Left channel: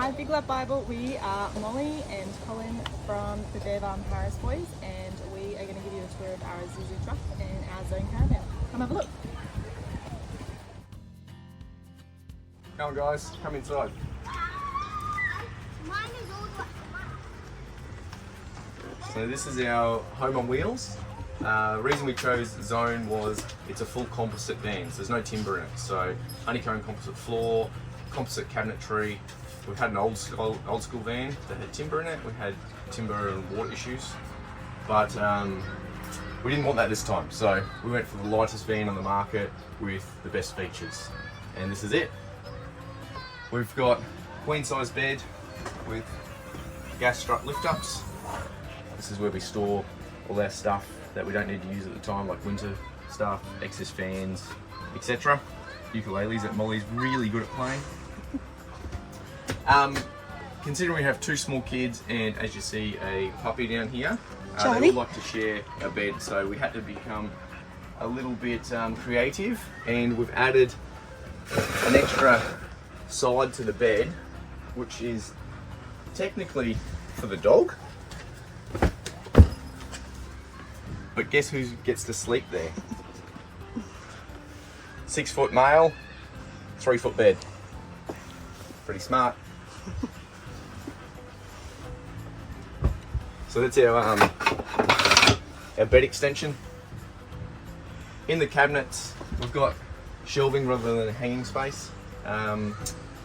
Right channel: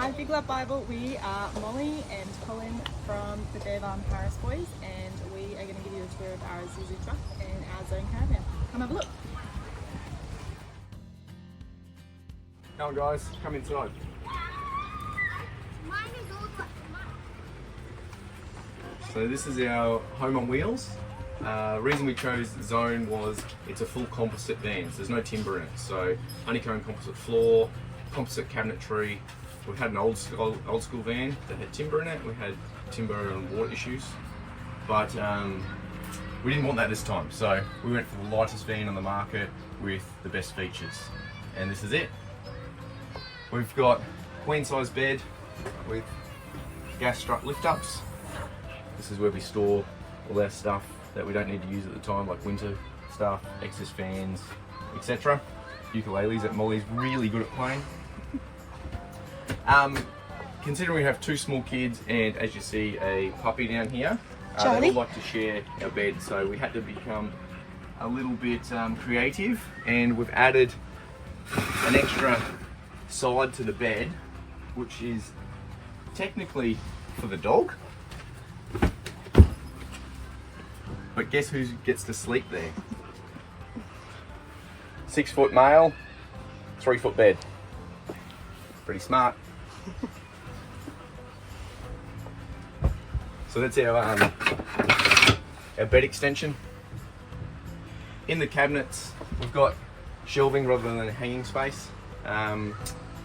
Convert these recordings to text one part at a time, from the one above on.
Hi Big Love Bible, we are Molly and Colin from the Caravan Paris Boys, and we are going to give you a tour of our Isuzu truck and our Zone Caravan. Come have a look. Come on guys, come inside. So this is our home on wheels. Reason we chose Zone was it's a full composite van, so there's no timber in it. So honeycomb composite floor, composite cabinetry. We had an old school van that had timber in it. We had timber and water issues, but we didn't want that this time. So we went for the lightest van on the market with the best features, and this is it. We've got queen size bed with gas strut lift ups. This is where we store all our stuff that we don't need to use at the time, like winter stuff, excess fans, etc. Ukuleles that Molly's really good at playing. Considering we have two small kids and, as you see, a puppy down here, they all like to share a bed, so we had to become a little bit creative, and we've added an extra side to the bed, which is technically for the dog. But guess who gets to sleep there? 6 foot male, 3 foot bed. Pretty smart. So that's our bed extension. In the cabinets, we've got shelving rather than a hanging space.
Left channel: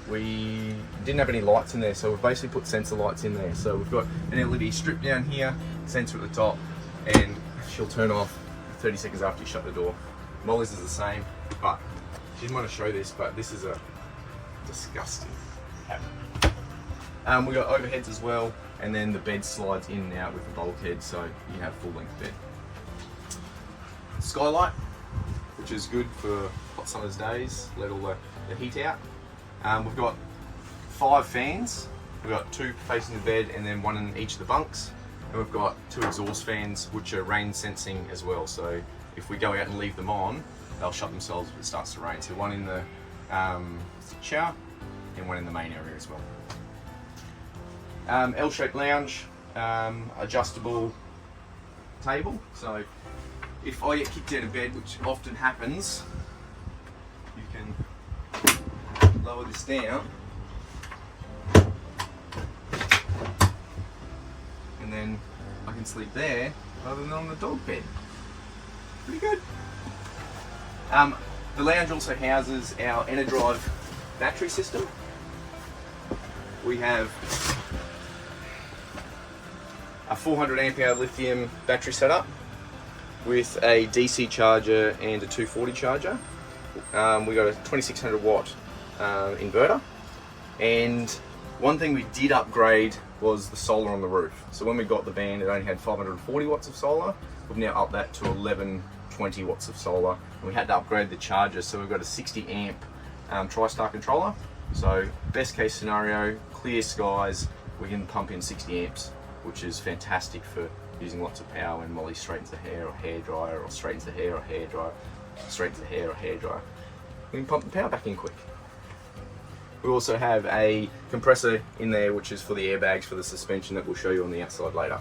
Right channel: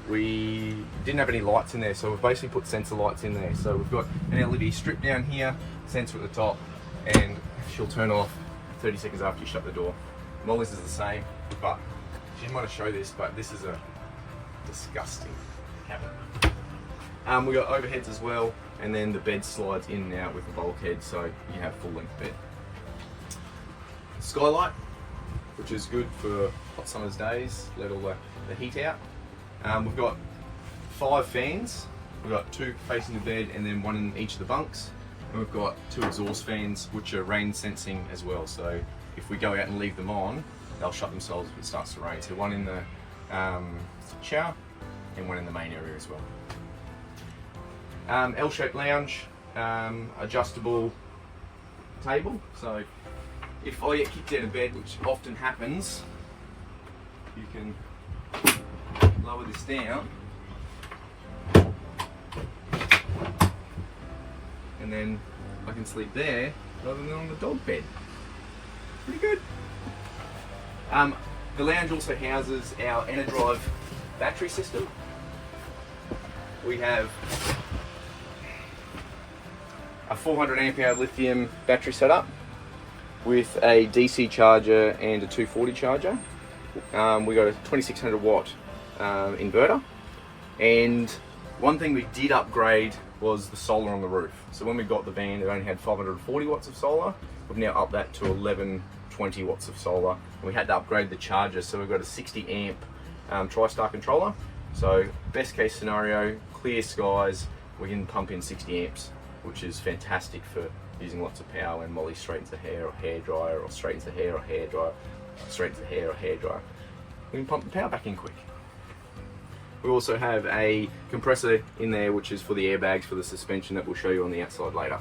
We didn't have any lights in there, so we've basically put sensor lights in there. So we've got an LED strip down here, sensor at the top, and she'll turn off 30 seconds after you shut the door. Molly's is the same, but she didn't want to show this, but this is a disgusting habit. We got overheads as well, and then the bed slides in and out with the bulkhead, so you have full length bed. Skylight, which is good for hot summer's days, let all the heat out. We've got 5 fans. We've got 2 facing the bed and then 1 in each of the bunks. And we've got 2 exhaust fans, which are rain sensing as well. So if we go out and leave them on, they'll shut themselves if it starts to rain. So 1 in the shower and 1 in the main area as well. L-shaped lounge, adjustable table. So if I get kicked out of bed, which often happens, you can lower this down, and then I can sleep there rather than on the dog bed. Pretty good. The lounge also houses our EnerDrive battery system. We have a 400 amp hour lithium battery setup with a DC charger and a 240 charger. We got a 2600 watt inverter, and one thing we did upgrade was the solar on the roof. So when we got the van, it only had 540 watts of solar. We've now upped that to 1120 watts of solar, and we had to upgrade the charger, so we've got a 60 amp TriStar controller. So best case scenario, clear skies, we can pump in 60 amps, which is fantastic for using lots of power when Molly straightens the hair or hairdryer, or straightens the hair or hairdryer, straightens the hair or hairdryer. We can pump the power back in quick. We also have a compressor in there, which is for the airbags for the suspension that we'll show you on the outside later.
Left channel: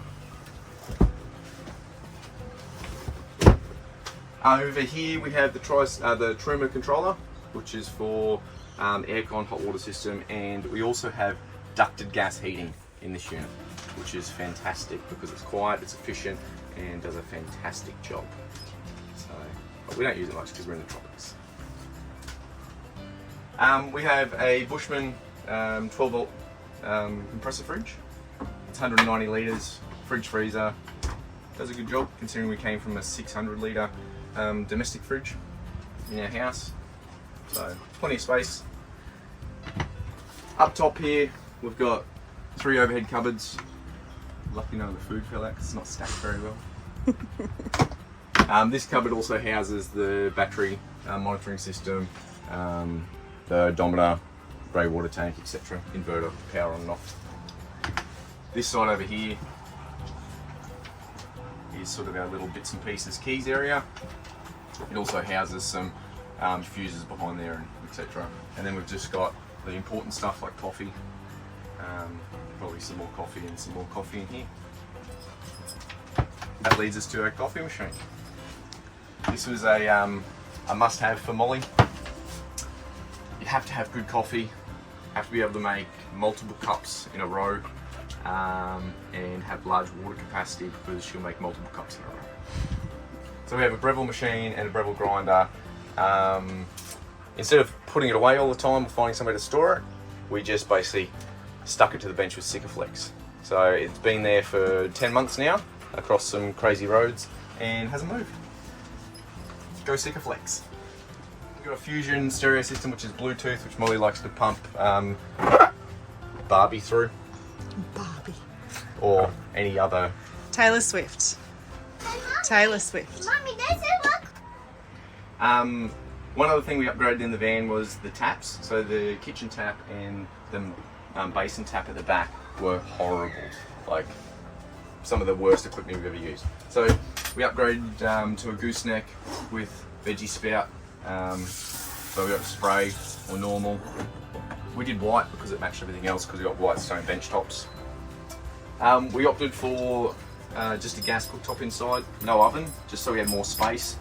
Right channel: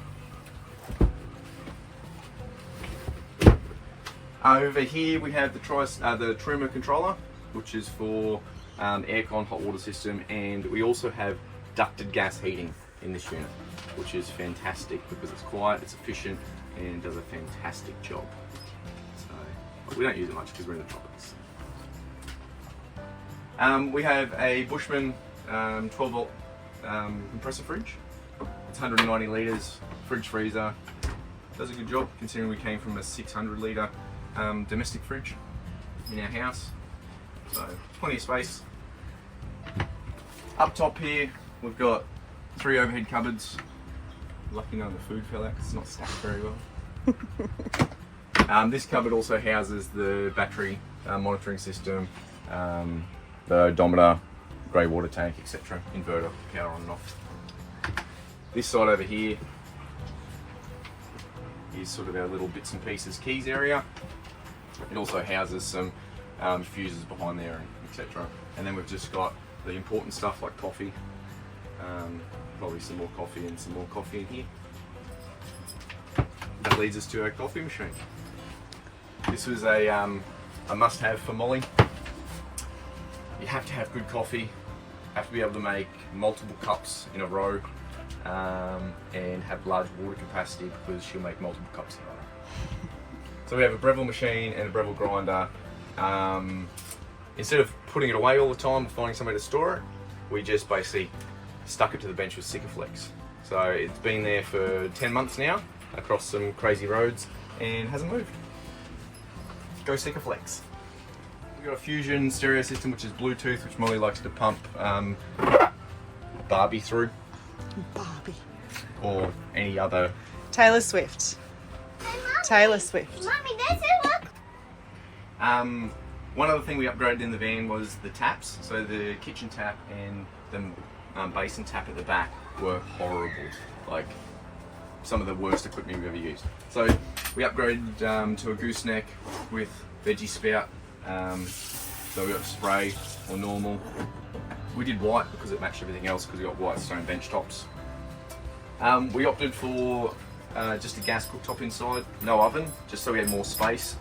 Over here we have the Trove controller, which is for aircon, hot water system, and we also have ducted gas heating in this unit, which is fantastic because it's quiet, it's efficient, and does a fantastic job. So, but we don't use it much because we're in the tropics. We have a Bushman 12 volt compressor fridge. It's 190 litres, fridge freezer. Does a good job considering we came from a 600 litre domestic fridge in our house. So plenty of space. Up top here we've got 3 overhead cupboards. Lucky none of the food fell out because it's not stacked very well. This cupboard also houses the battery monitoring system, the odometer, grey water tank, etc. Inverter, power on and off. This side over here is sort of our little bits and pieces keys area. It also houses some fuses behind there, etc. And then we've just got the important stuff like coffee Probably some more coffee and some more coffee in here. That leads us to our coffee machine. This was a must-have for Molly. You have to have good coffee, have to be able to make multiple cups in a row, and have large water capacity because she'll make multiple cups in a row. So we have a Breville machine and a Breville grinder. Instead of putting it away all the time and finding somewhere to store it, we just basically stuck it to the bench with Sikaflex. So it's been there for 10 months now, across some crazy roads, and hasn't moved. Go Sikaflex. We've got a Fusion stereo system, which is Bluetooth, which Molly likes to pump Barbie through. Barbie. Or any other. Taylor Swift. Taylor Swift. Mommy, does it work? One other thing we upgraded in the van was the taps. So the kitchen tap and the basin tap at the back were horrible. Like some of the worst equipment we've ever used. So we upgraded to a gooseneck with veggie spout. So we got spray or normal. We did white because it matched everything else because we got white stone bench tops. We opted for just a gas cooktop inside, no oven, just so we had more space.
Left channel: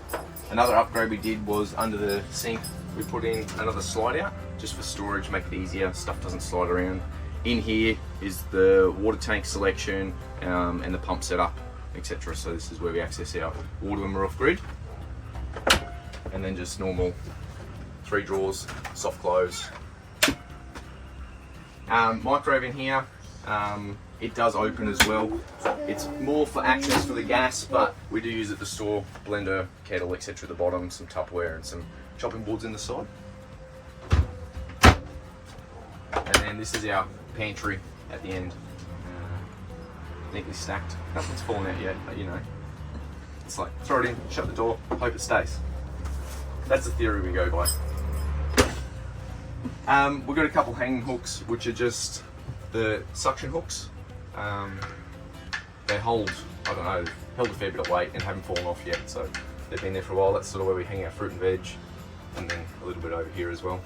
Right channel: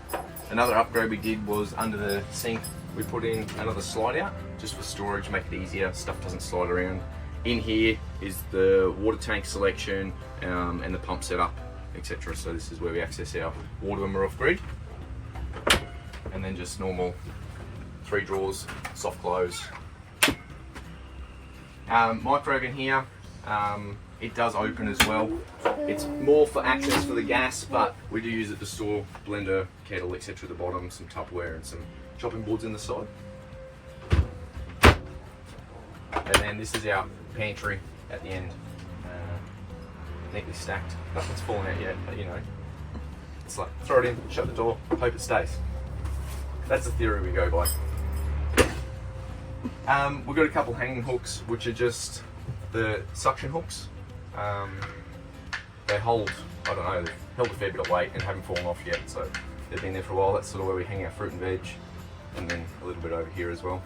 Another upgrade we did was under the sink, we put in another slide out, just for storage, make it easier, stuff doesn't slide around. In here is the water tank selection and the pump setup, etc. So this is where we access our water when we're off grid. And then just normal 3 drawers, soft close. Microwave in here, it does open as well. It's more for access for the gas, but we do use it to store blender, kettle, etc. at the bottom, some Tupperware and some chopping boards in the side. And then this is our pantry at the end, neatly stacked. Nothing's fallen out yet, but you know, it's like throw it in, shut the door, hope it stays. That's the theory we go by. We've got a couple hanging hooks, which are just the suction hooks. They hold, I don't know, held a fair bit of weight and haven't fallen off yet, so they've been there for a while. That's sort of where we hang our fruit and veg, and then a little bit over here as well.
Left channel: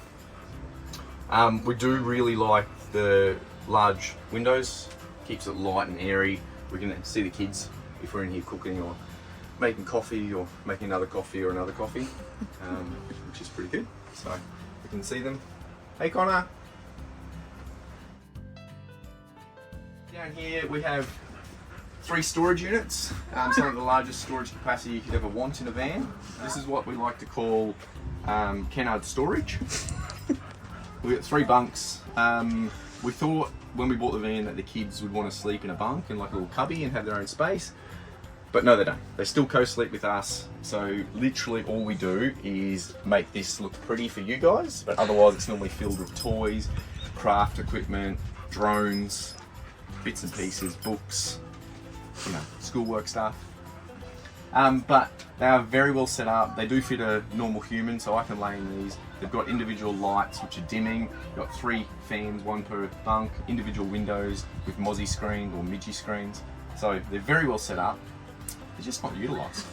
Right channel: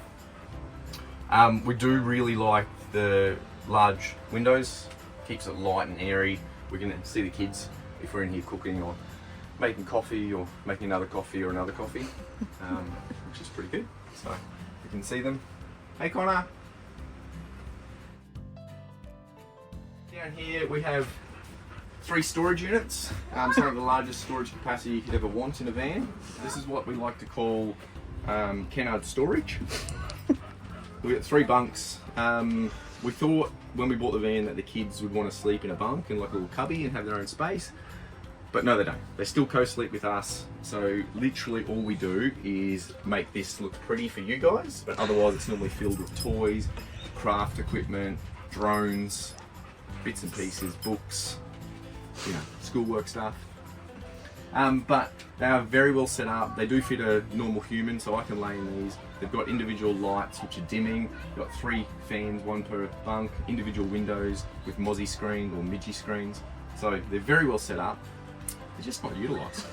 We do really like the large windows, keeps it light and airy. We can see the kids if we're in here cooking or making coffee or making another coffee or another coffee, which is pretty good. So we can see them. Hey Connor! Down here we have 3 storage units, some of the largest storage capacity you could ever want in a van. This is what we like to call Kennard storage. We've got 3 bunks. We thought when we bought the van that the kids would want to sleep in a bunk and like a little cubby and have their own space. But no, they don't. They still co-sleep with us. So literally all we do is make this look pretty for you guys, but otherwise it's normally filled with toys, craft equipment, drones, bits and pieces, books, you know, schoolwork stuff. But they are very well set up. They do fit a normal human, so I can lay in these. They've got individual lights which are dimming. They've got 3 fans, 1 per bunk, individual windows with Mozzie screens or Midgie screens. So they're very well set up. They're just not utilised.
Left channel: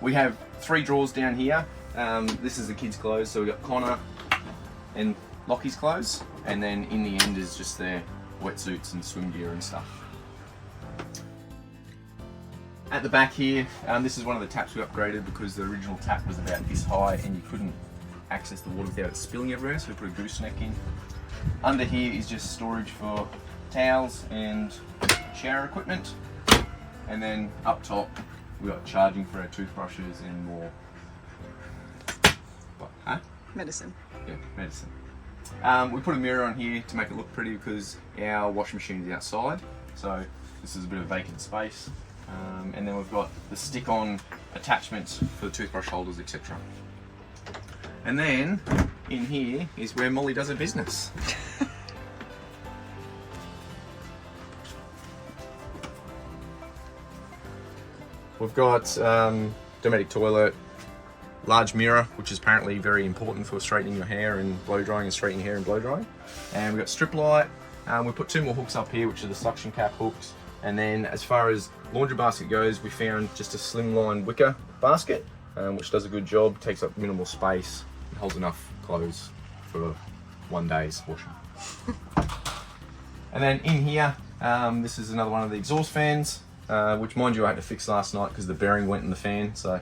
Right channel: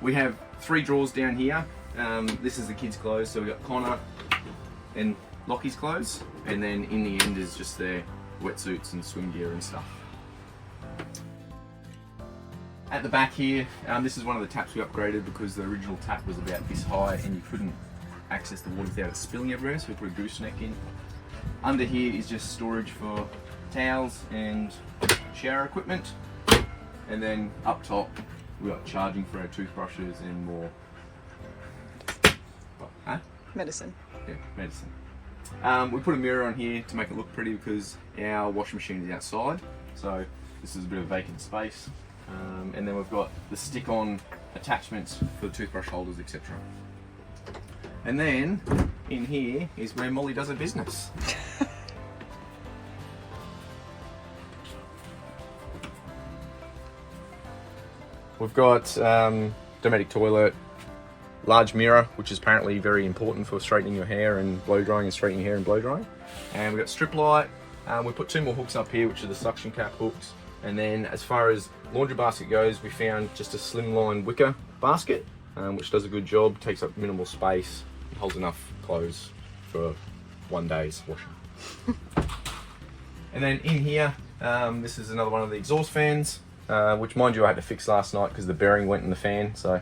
We have 3 drawers down here. This is the kids' clothes, so we've got Connor and Lockie's clothes, and then in the end is just their wetsuits and swim gear and stuff. At the back here, this is one of the taps we upgraded because the original tap was about this high and you couldn't access the water without it spilling everywhere, so we put a gooseneck in. Under here is just storage for towels and shower equipment. And then up top, we've got charging for our toothbrushes and more. What, huh? Medicine. Yeah, medicine. We put a mirror on here to make it look pretty because our washing machine is outside. So this is a bit of vacant space. And then we've got the stick-on attachments for the toothbrush holders, etc. And then in here is where Molly does her business. We've got domestic toilet, large mirror, which is apparently very important for straightening your hair and blow drying and straightening your hair and blow drying. And we've got strip light. We put 2 more hooks up here, which are the suction cap hooks. And then as far as laundry basket goes, we found just a slimline wicker basket, which does a good job, takes up minimal space, and holds enough clothes for 1 day's washing. And then in here, this is another one of the exhaust fans, which mind you I had to fix last night because the bearing went in the fan. So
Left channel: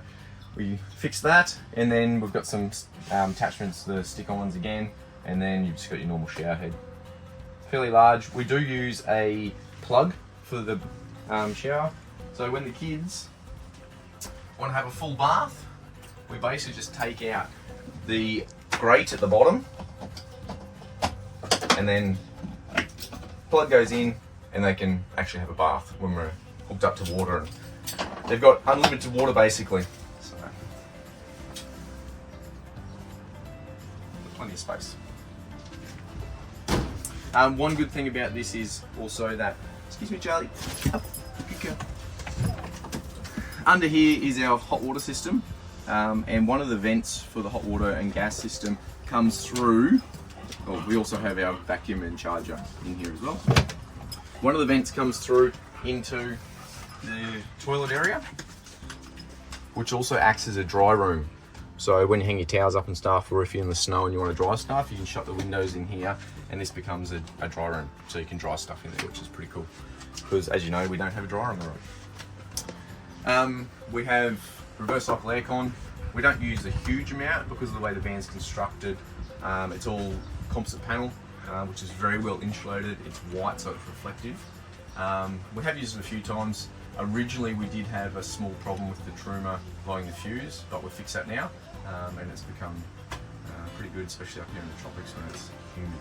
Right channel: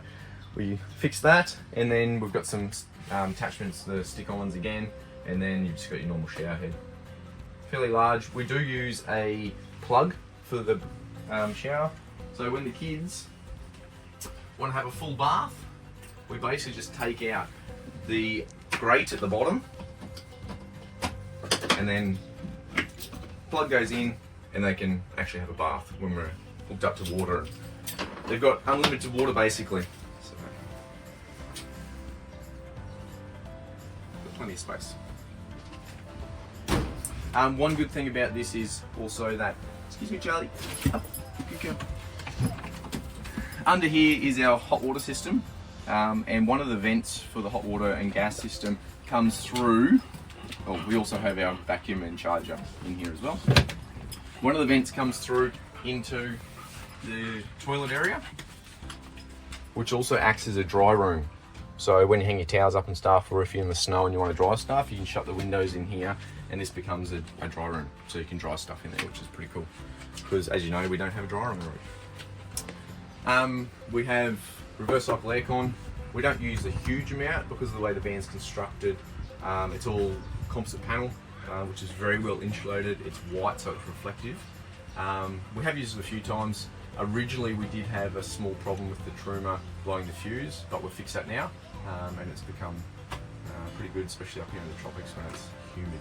we fixed that, and then we've got some attachments, the stick-ons again, and then you've just got your normal shower head. Fairly large. We do use a plug for the shower. So when the kids want to have a full bath, we basically just take out the grate at the bottom, and then plug goes in, and they can actually have a bath when we're hooked up to water. And they've got unlimited water basically. So, plenty of space. One good thing about this is also that, excuse me Charlie, up, good girl. Under here is our hot water system, and one of the vents for the hot water and gas system comes through, well, we also have our vacuum and charger in here as well. One of the vents comes through into the toilet area, which also acts as a dry room. So when you hang your towels up and stuff, or if you're in the snow and you want to dry stuff, you can shut the windows in here, and this becomes a dry room. So you can dry stuff in there, which is pretty cool. Because as you know, we don't have a dryer on the roof. We have reverse cycle aircon. We don't use a huge amount because of the way the van's constructed. It's all composite panel, which is very well insulated. It's white, so it's reflective. We have used it a few times. Originally, we did have a small problem with the truma blowing the fuse, but we've fixed that now, and it's become pretty good, especially up here in the tropics when it's humid.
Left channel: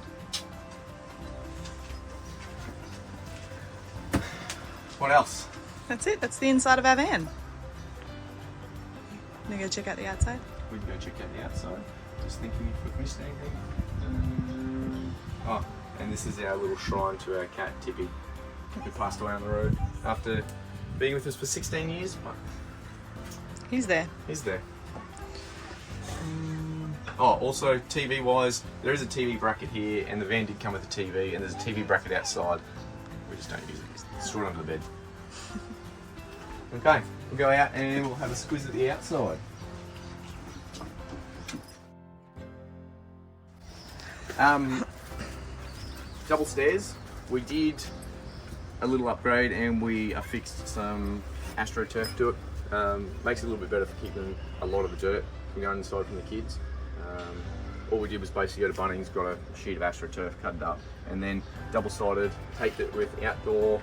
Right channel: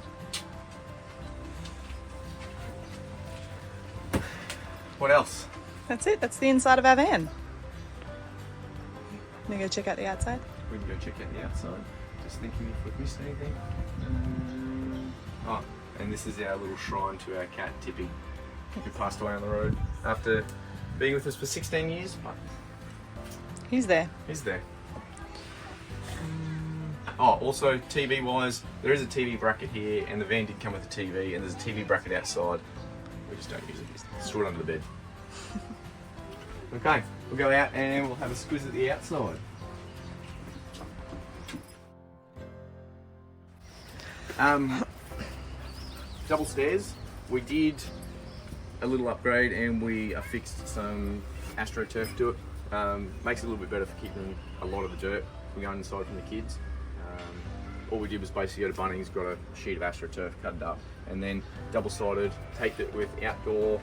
What else? That's it. That's the inside of our van. Gonna go check out the outside. We can go check out the outside. Just thinking if we've missed anything. Oh, and this is our little shrine to our cat Tippy, who passed away on the road after being with us for 16 years. He's there. He's there. Oh, also TV wise, there is a TV bracket here, and the van did come with a TV, and there's a TV bracket outside. We just don't use it. It's stored under the bed. Okay, we'll go out and we'll have a squeeze at the outside. Double stairs. We did a little upgrade and we affixed some AstroTurf to it. Makes it a little bit better for keeping a lot of the dirt from going inside from the kids. All we did was basically go to Bunnings, got a sheet of AstroTurf, cut it up, and then double-sided, taped it with outdoor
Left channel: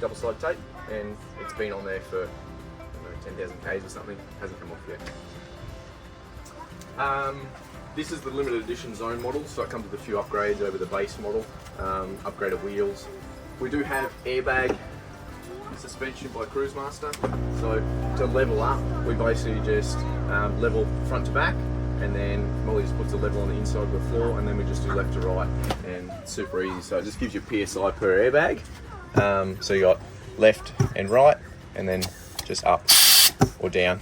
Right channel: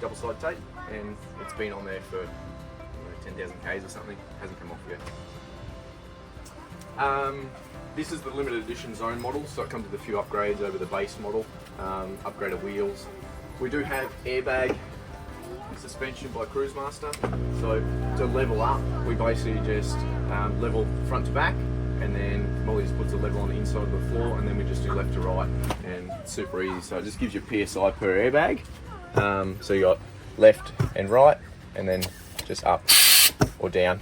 double-sided tape, and it's been on there for 10,000 Ks or something. Hasn't come off yet. This is the limited edition zone model, so it comes with a few upgrades over the base model. Upgraded wheels. We do have airbag suspension by Cruisemaster. So to level up, we basically just level front to back, and then Molly just puts a level on the inside of the floor, and then we just do left to right, and it's super easy. So it just gives you PSI per airbag. So you got left and right, and then just up or down,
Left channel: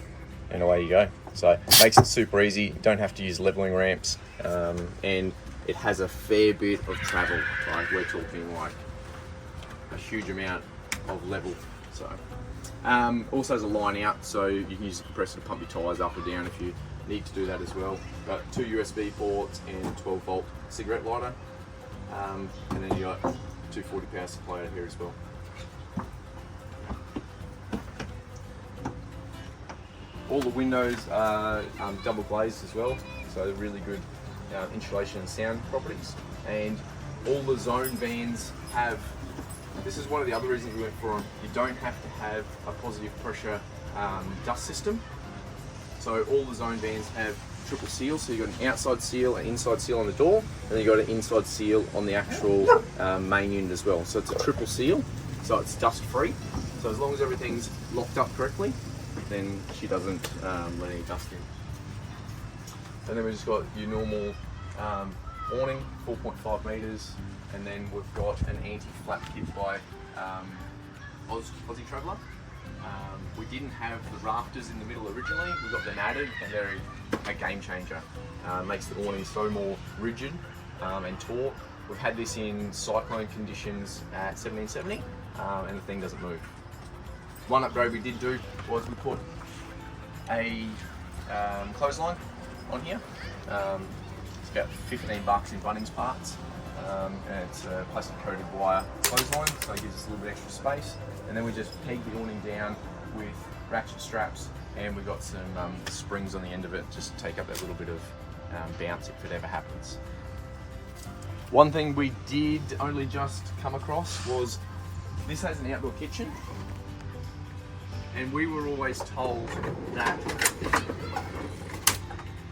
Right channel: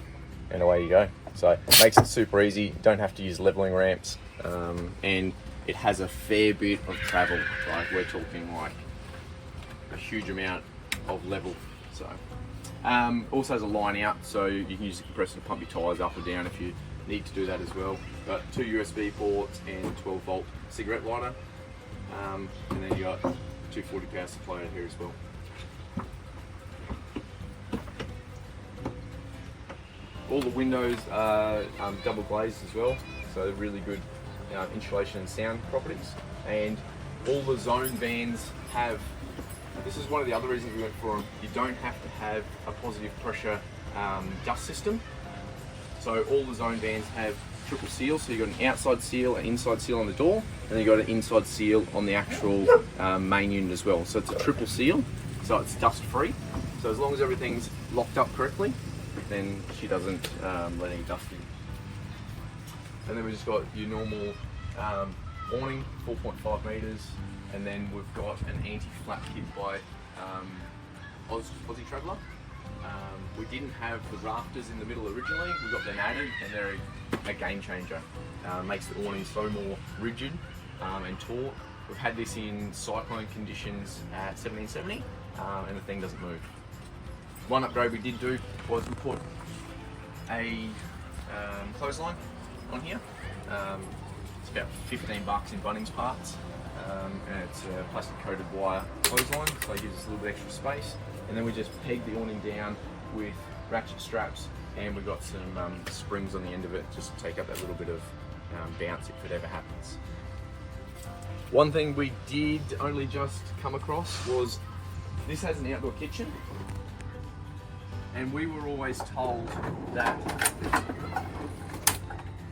and away you go. So it makes it super easy. You don't have to use leveling ramps, and it has a fair bit of travel. Like we're talking like a huge amount of level. So also has a line out, so you can use the compressor to pump your tyres up or down if you need to do that as well. Got 2 USB ports and 12 volt cigarette lighter, and then you got 240 power supply out here as well. All the windows are double glazed as well, so really good insulation and sound properties. And all the zone vans have, this is one of the other reasons we went for them, you don't have to have a positive pressure dust system. So all the zone vans have triple seal, so you've got an outside seal, an inside seal on the door, and then you've got an inside seal on the actual main unit as well. So it's a triple seal, so it's dust free. So as long as everything's locked up correctly, then she doesn't let any dust in. And then we've just got your normal awning, 4.5 metres, and then we've got an anti-flap kit by Aussie Traveller. We didn't have the rafters in the middle originally, we got them added, and they're a game changer. Makes the awning so more rigid and taut. We've had this in cyclone conditions at 1770, and the thing doesn't move. One upgrade we did do was we put a clothesline on here. It's about $15 in Bunnings parts. and it's a plastic coated wire clothesline, so it gives us a little bit extra space. And then we just peg the awning down with ratchet straps, and we've got some springs on the end of it just to take up that little bit of bounce if it ever happens. One thing we did only just come across was this has an outdoor kitchen, and we were always told that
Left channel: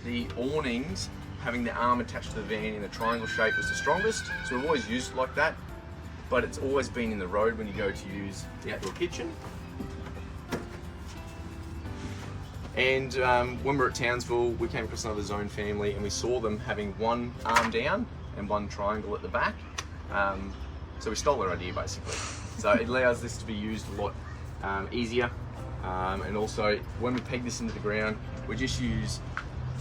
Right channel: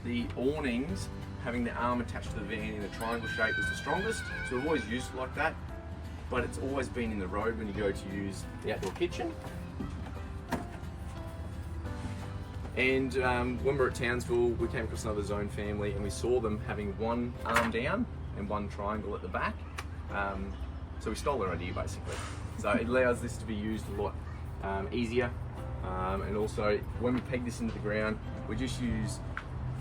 the awnings having the arm attached to the van in a triangle shape was the strongest, so we've always used it like that, but it's always been in the road when you go to use the outdoor kitchen. And when we were at Townsville, we came across another zone family and we saw them having one arm down and one triangle at the back. So we stole their idea basically. So it allows this to be used a lot easier. And also when we peg this into the ground, we just use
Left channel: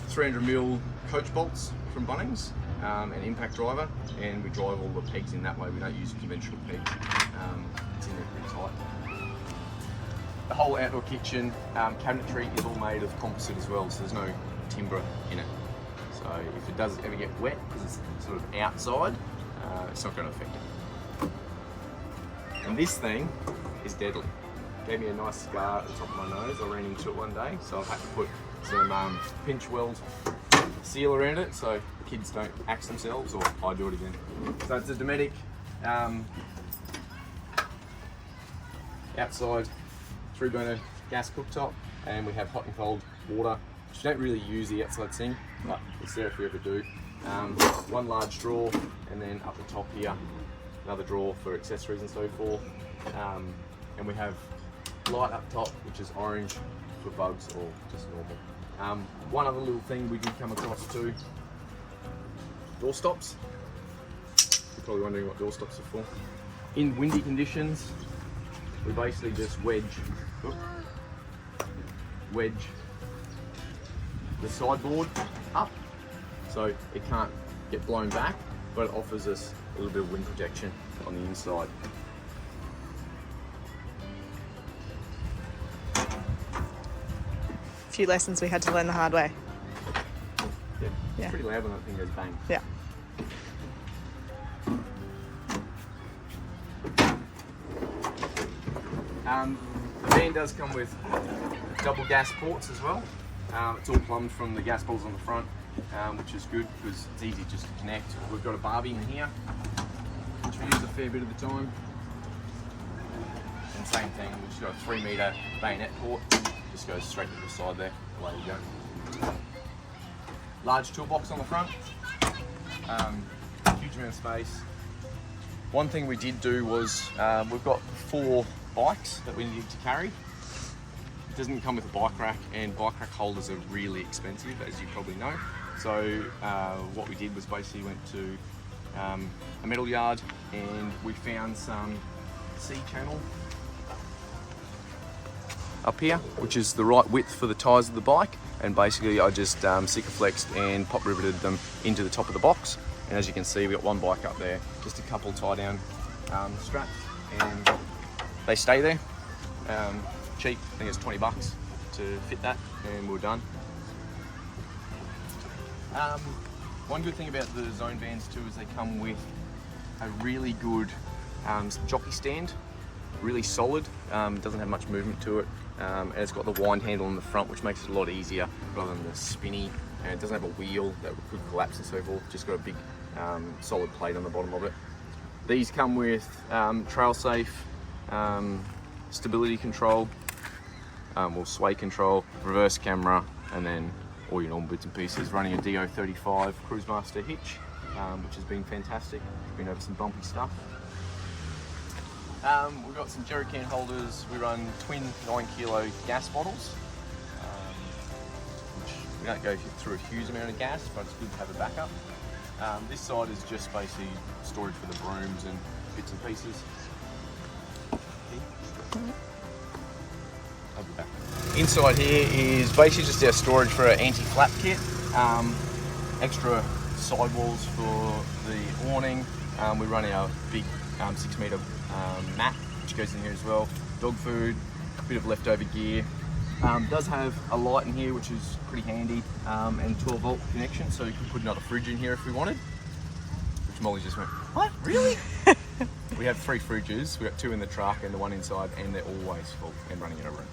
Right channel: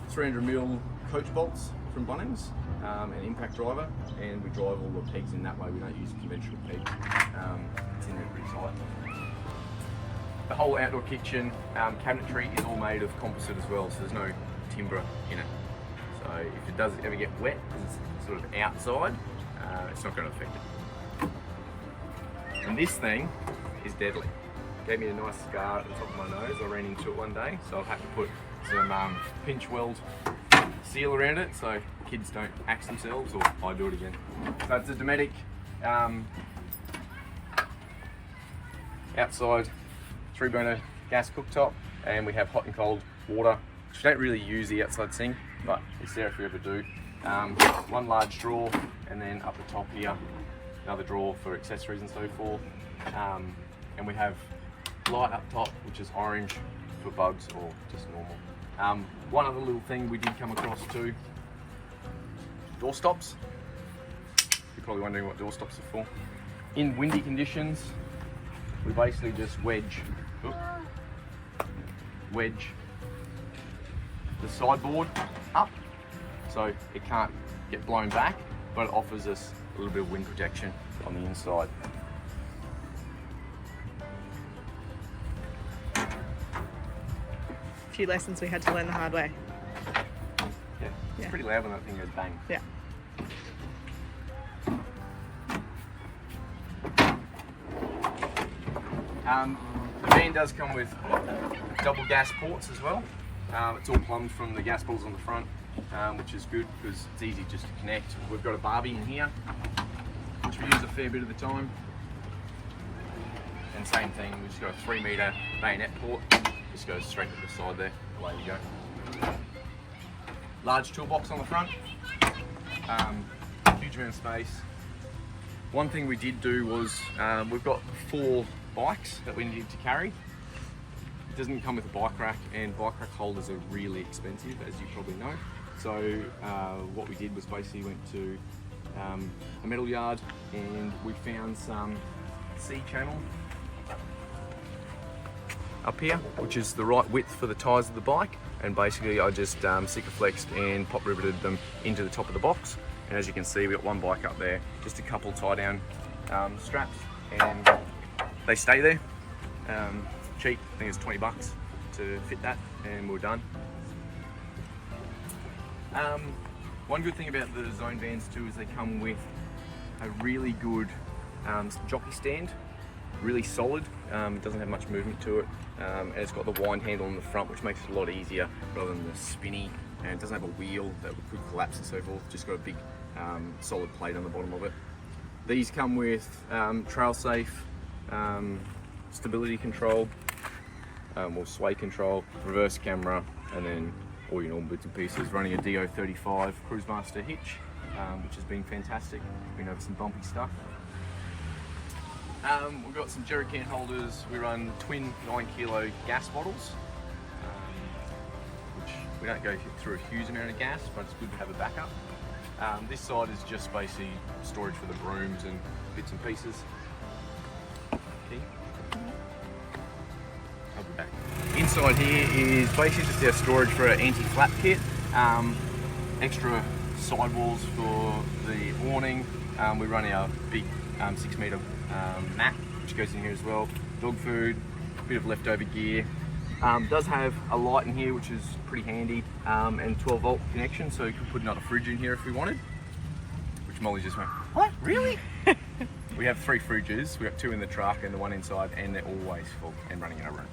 300mm coach bolts from Bunnings, an impact driver, and we drive all the pegs in that way. We don't use conventional pegs. It's in there pretty tight. The whole outdoor kitchen cabinetry is all made of composite as well, so there's no timber in it. So if it does ever get wet, because it's sort of outside, it's not going to affect it. And this thing is deadly. Gave me a nice scar at the top of my nose. I ran into it one day, so I've had to put some pinch weld seal around it so kids don't axe themselves, or I do it again. So it's a Dometic outside 3-burner gas cooktop, and we have hot and cold water, which we don't really use the outside sink, but it's there if we ever do. One large drawer, and then up the top here, another drawer for accessories and so forth. And we have light up top, which is orange for bugs or just normal. One other little thing we did come across too, door stops. You're probably wondering what door stops are for. In windy conditions, we basically just wedge the sideboard up so it can't get blown back, but it offers us a little bit of wind protection on the inside. A few lessons we had to learn the hard way. Yeah, it's pretty loud when that thing goes bang. Yeah. The van does come with double gas ports as well. It's all plumbed from the gas bottles on the front, which is good because it's easy just to connect. We've got a Barbie in here, which we use a fair bit of the time. And same thing, we've just got a 3-metre bayonet port. Just goes straight to the side there, away we go. Large toolbox on the front, huge amount of space. One thing we did do was, we've got 4 bikes that we needed to carry. It doesn't come with a bike rack, and bike rack holders are really expensive, as you probably know. So what we did was basically went to a metal yard, and we found some C-channel up here, which is the right width for the tyres of the bike, and basically I just Sikaflexed and pop riveted them into the top of the box. And as you can see, we've got one bike up there, just a couple tie down straps, and they stay there. Cheap, I think it's 20 bucks to fit that, and we're done. One good thing about the Zone vans too is they come with a really good jockey stand, really solid. It doesn't have much movement to it, and it's got the wind handle in the front, which makes it a lot easier rather than the spinny, and it doesn't have a wheel that could collapse and so forth. Just got a big solid plate on the bottom of it. These come with trail safe, stability control, sway control, reverse camera, and then all your normal bits and pieces. Running a DO35 Cruisemaster hitch, which has been fantastic. Been over some bumpy stuff. We've got some jerry can holders. We run twin 9-kilo gas bottles, which we don't go through a huge amount of gas, but it's good to have a backup. This side is just basically storage for the brooms and bits and pieces. I'll be back. Inside here is basically just our storage for an anti-flap kit, extra sidewalls for the awning. We run our big 6-metre mat, which goes in here as well. Dog food, a bit of leftover gear. Does have a light in here, which is pretty handy, and 12-volt connection, so you can put another fridge in here if we wanted, which Molly just went, what, really? We have 3 fridges, we've got 2 in the truck and the 1 inside, and they're always full and running in a room.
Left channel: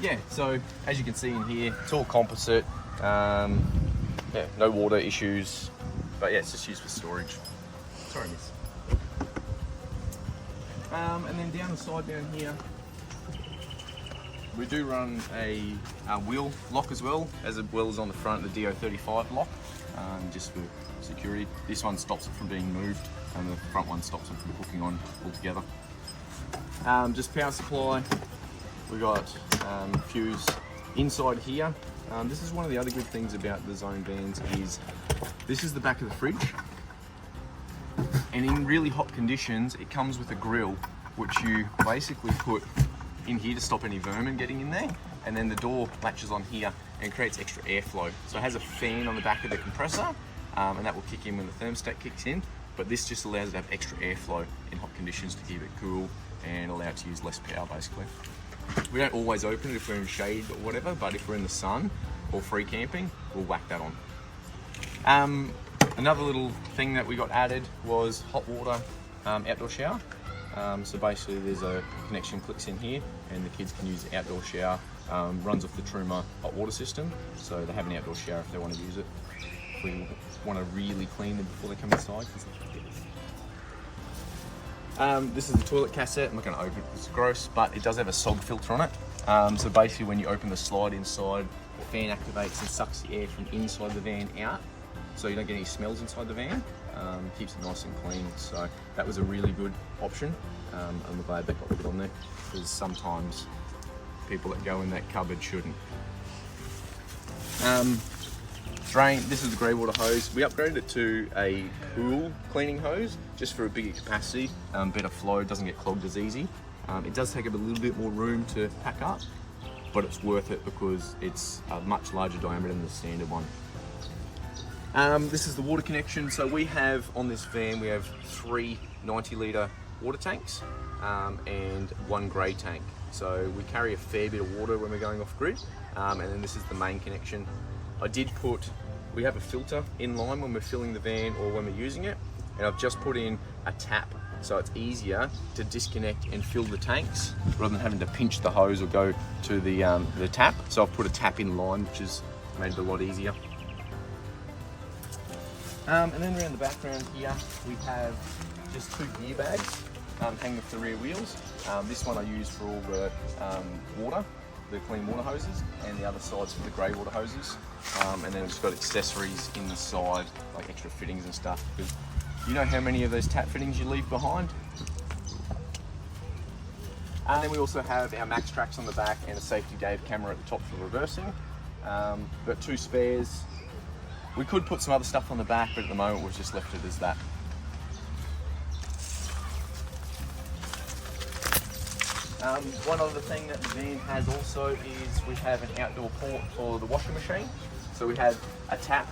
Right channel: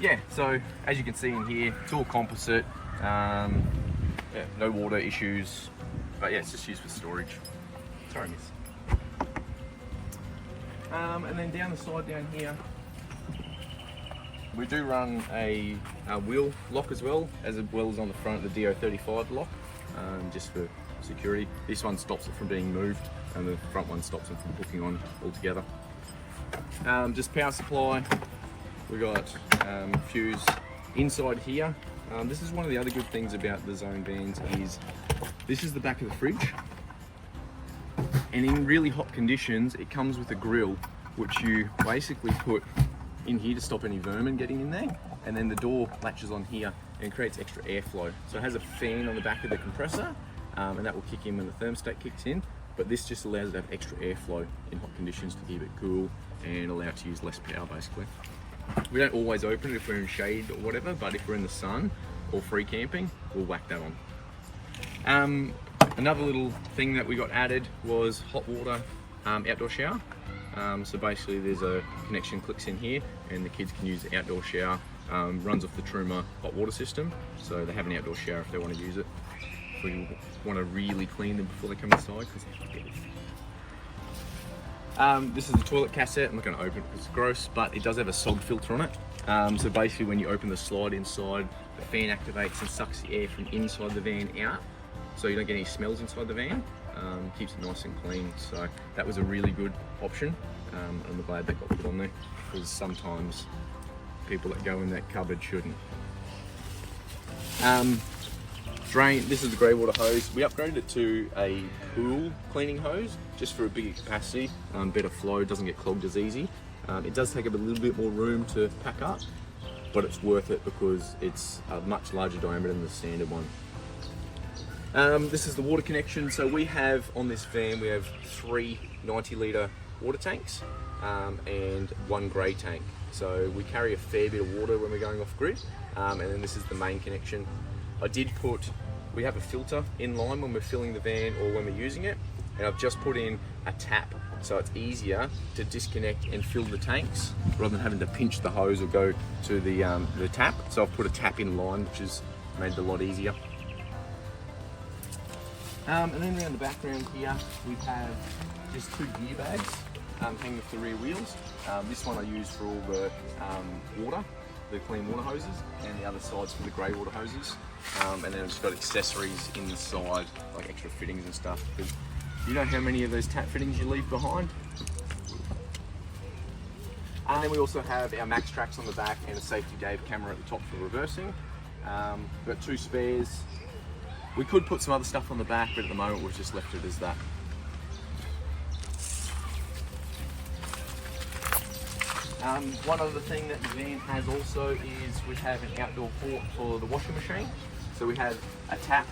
Yeah, so as you can see in here, it's all composite. Yeah, no water issues, but yeah, it's just used for storage. Sorry, miss. And then down the side down here, we do run a wheel lock as well as on the front, the DO35 lock, just for security. This one stops it from being moved, and the front one stops it from hooking on altogether. Just power supply. We got fuse inside here. This is one of the other good things about the Zone vans is this is the back of the fridge, and in really hot conditions it comes with a grill which you basically put in here to stop any vermin getting in there, and then the door latches on here and creates extra airflow. So it has a fan on the back of the compressor, and that will kick in when the thermostat kicks in, but this just allows it to have extra airflow in hot conditions to keep it cool and allow it to use less power basically. We don't always open it if we're in shade or whatever, but if we're in the sun or free camping, we'll whack that on. Another little thing that we got added was hot water outdoor shower. So basically there's a connection clicks in here and the kids can use the outdoor shower. Runs off the Truma hot water system, so they have an outdoor shower if they want to use it. If we want to really clean them before they come inside. This is the toilet cassette. I'm not going to open it, it's gross, but it does have a sog filter on it. So basically when you open the slide inside, the fan activates and sucks the air from inside the van out, so you don't get any smells inside the van. Keeps it nice and clean, so that was a really good option. I'm glad that got put on there, because sometimes people that go in that cupboard shouldn't. Drain, this is the grey water hose. We upgraded it to a pool cleaning hose just for a bigger capacity, better flow, doesn't get clogged as easy. It does take up a little bit more room to pack up, but it's worth it because it's a much larger diameter than the standard one. This is the water connection. So we have on this van, we have 3 90-litre water tanks and 1 grey tank. So we carry a fair bit of water when we're going off grid, and then this is the main connection. We have a filter in line when we're filling the van or when we're using it, and I've just put in a tap so it's easier to disconnect and fill the tanks rather than having to pinch the hose or go to the tap. So I've put a tap in line, which has made it a lot easier. And then around the background here, we have just 2 gear bags hanging off the rear wheels. This one I use for all the water, the clean water hoses, and the other side's for the grey water hoses. And then it's got accessories inside, like extra fittings and stuff. Because you know how many of those tap fittings you leave behind? And then we also have our max tracks on the back and a safety gate camera at the top for reversing. We've got 2 spares. We could put some other stuff on the back, but at the moment we've just left it as that. One other thing that the van has also is we have an outdoor port for the washing machine. So we have a tap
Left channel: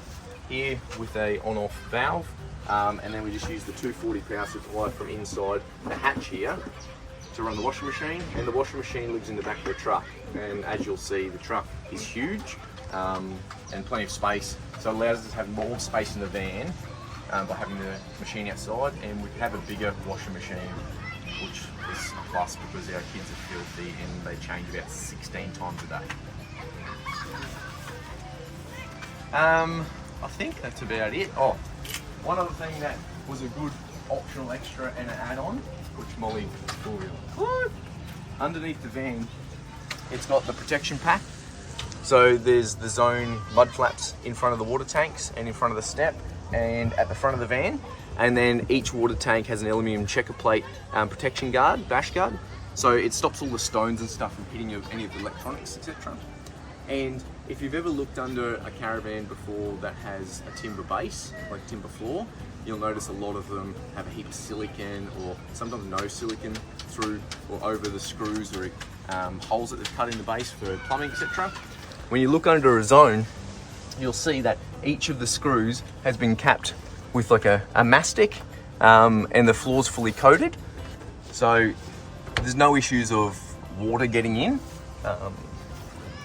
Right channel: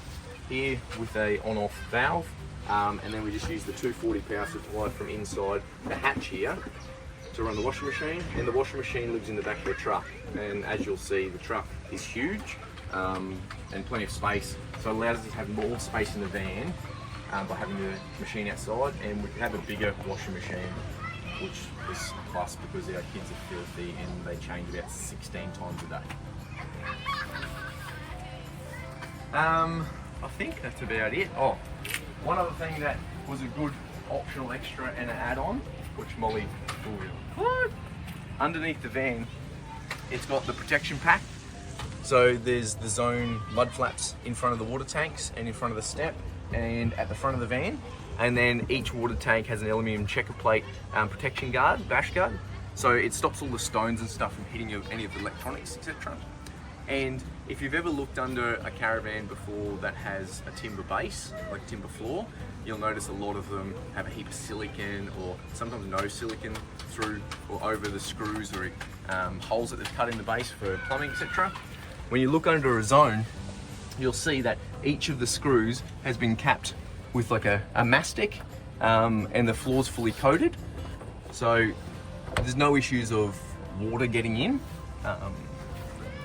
here with a on-off valve, and then we just use the 240 power supply from inside the hatch here to run the washing machine. And the washing machine lives in the back of the truck, and as you'll see, the truck is huge and plenty of space, so it allows us to have more space in the van by having the machine outside, and we have a bigger washing machine, which is a plus because our kids are filthy and they change about 16 times a day. I think that's about it. Oh, one other thing that was a good optional extra and an add-on, which Molly will realize. Underneath the van, it's got the protection pack. So there's the Zone mud flaps in front of the water tanks and in front of the step and at the front of the van. And then each water tank has an aluminium checker plate protection guard, dash guard. So it stops all the stones and stuff from hitting any of the electronics, etc. And if you've ever looked under a caravan before that has a timber base, like timber floor, you'll notice a lot of them have a heap of silicon or sometimes no silicon through or over the screws or holes that they've cut in the base for plumbing, etc. When you look under a Zone, you'll see that each of the screws has been capped with like a mastic, and the floor's fully coated. So there's no issues of water getting in.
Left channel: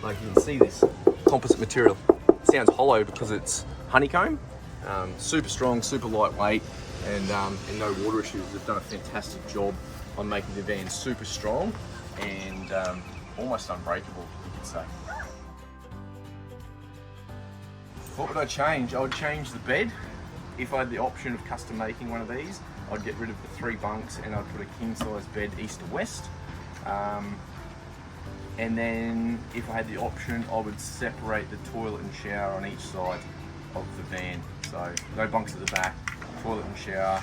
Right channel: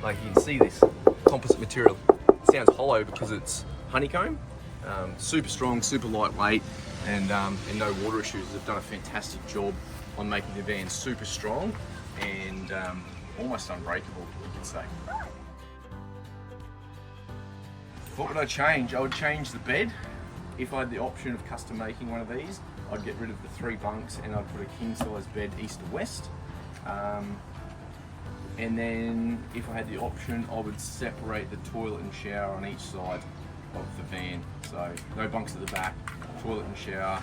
Like you can see this composite material. It sounds hollow because it's honeycomb, Super strong, super lightweight, and no water issues. They've done a fantastic job on making the van super strong and almost unbreakable, you could say. What would I change? I would change the bed. If I had the option of custom making one of these, I'd get rid of the 3 bunks and I'd put a king size bed east to west. And then if I had the option, I would separate the toilet and shower on each side of the van. So no bunks at the back, toilet and shower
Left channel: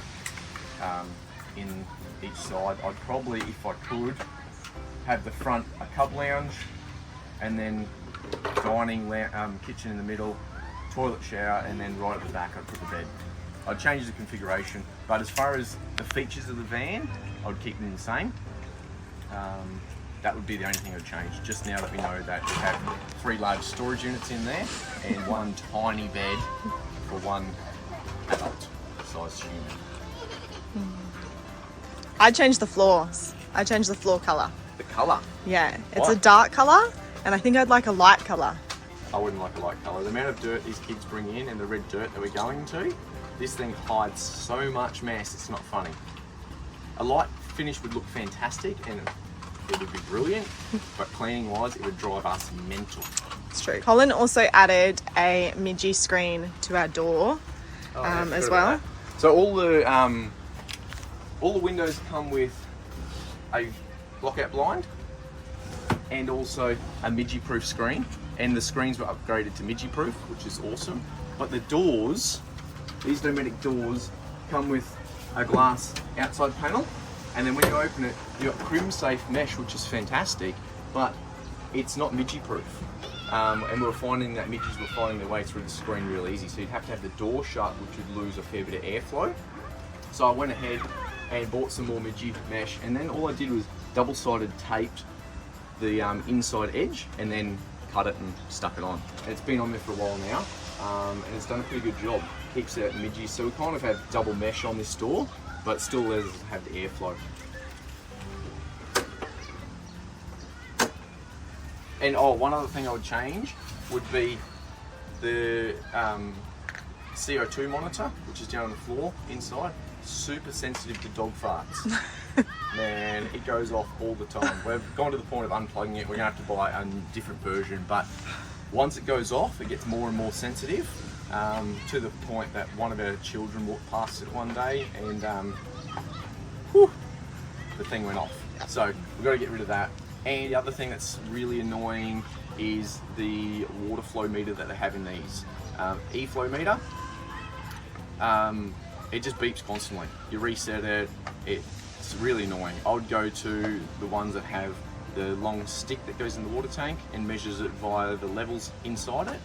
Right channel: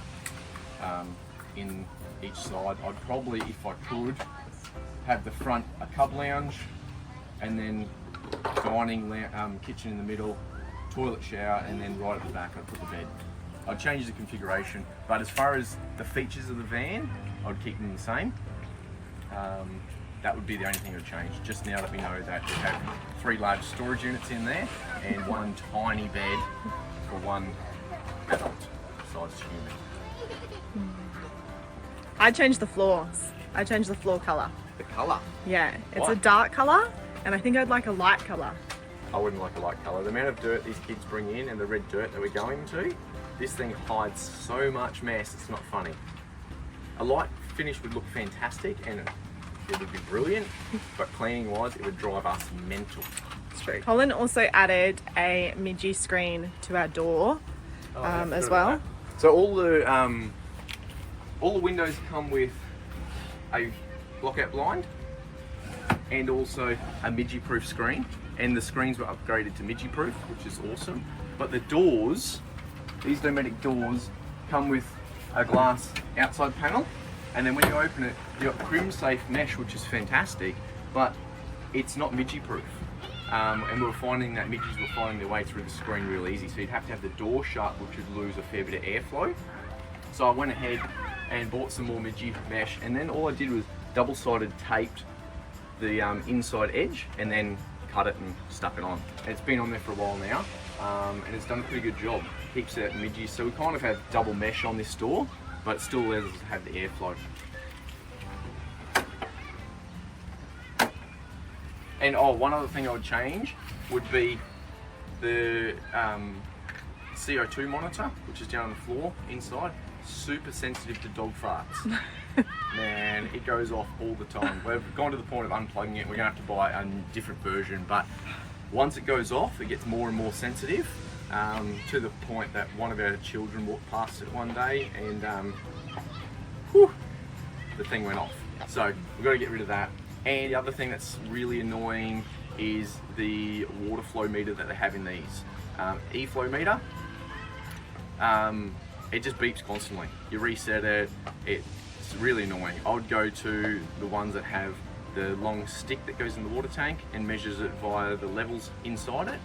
in each side. I'd probably, if I could, have the front a cub lounge and then dining kitchen in the middle, toilet shower, and then right at the back I'd put the bed. I'd change the configuration, but as far as the features of the van, I'd keep them the same. That would be the only thing I'd change, just now that we know that we have 3 large storage units in there and 1 tiny bed for 1 adult sized human. I'd change the floors. I'd change the floor colour. The colour? Yeah, it's White. a dark colour, and I think I'd like a light colour. I wouldn't like a light colour. The amount of dirt these kids bring in and the red dirt that we're going to, this thing hides so much mess, it's not funny. A light finish would look fantastic and it would be brilliant, but cleaning wise, it would drive us mental. It's true. Colin also added a midgie screen to our door as well. So all the windows come with a lockout blind and also a midgie-proof screen, and the screens were upgraded to midgie-proof, which is awesome. But the doors, these pneumatic doors, come with a glass outside panel, and then when you open it, you've got crim-safe mesh, which is fantastic, but it's not midgie-proof. And we were finding that midgies were finding their way through the screen real easy, so you'd have to have the door shut, which would lose a fair bit of airflow. So I went ahead and bought some more midgie mesh, and then all I did was double-sided taped the inside edge and then cut it and stuck it on. And it's been on there for a while now, and it's done a pretty good job. Keeps out midgies, so we kind of have double mesh on this door, but it still lets us have the airflow. And one other thing I would change would be the CO2 monitor, which is down on the floor inside. Super sensitive to dog farts. Man, it goes off all the time. We've gone to the point of unplugging it. We're gonna have to buy a different version, but once it goes off, it gets more and more sensitive, to the point that one of our children walked past it one day and the thing went off. So we've got to get rid of that. And the other thing that's really annoying is the water flow meter that they have in these. E-flow meter, it just beeps constantly. You reset it, it's really annoying. I would go to the ones that have the long stick that goes in the water tank and measures it via the levels inside it.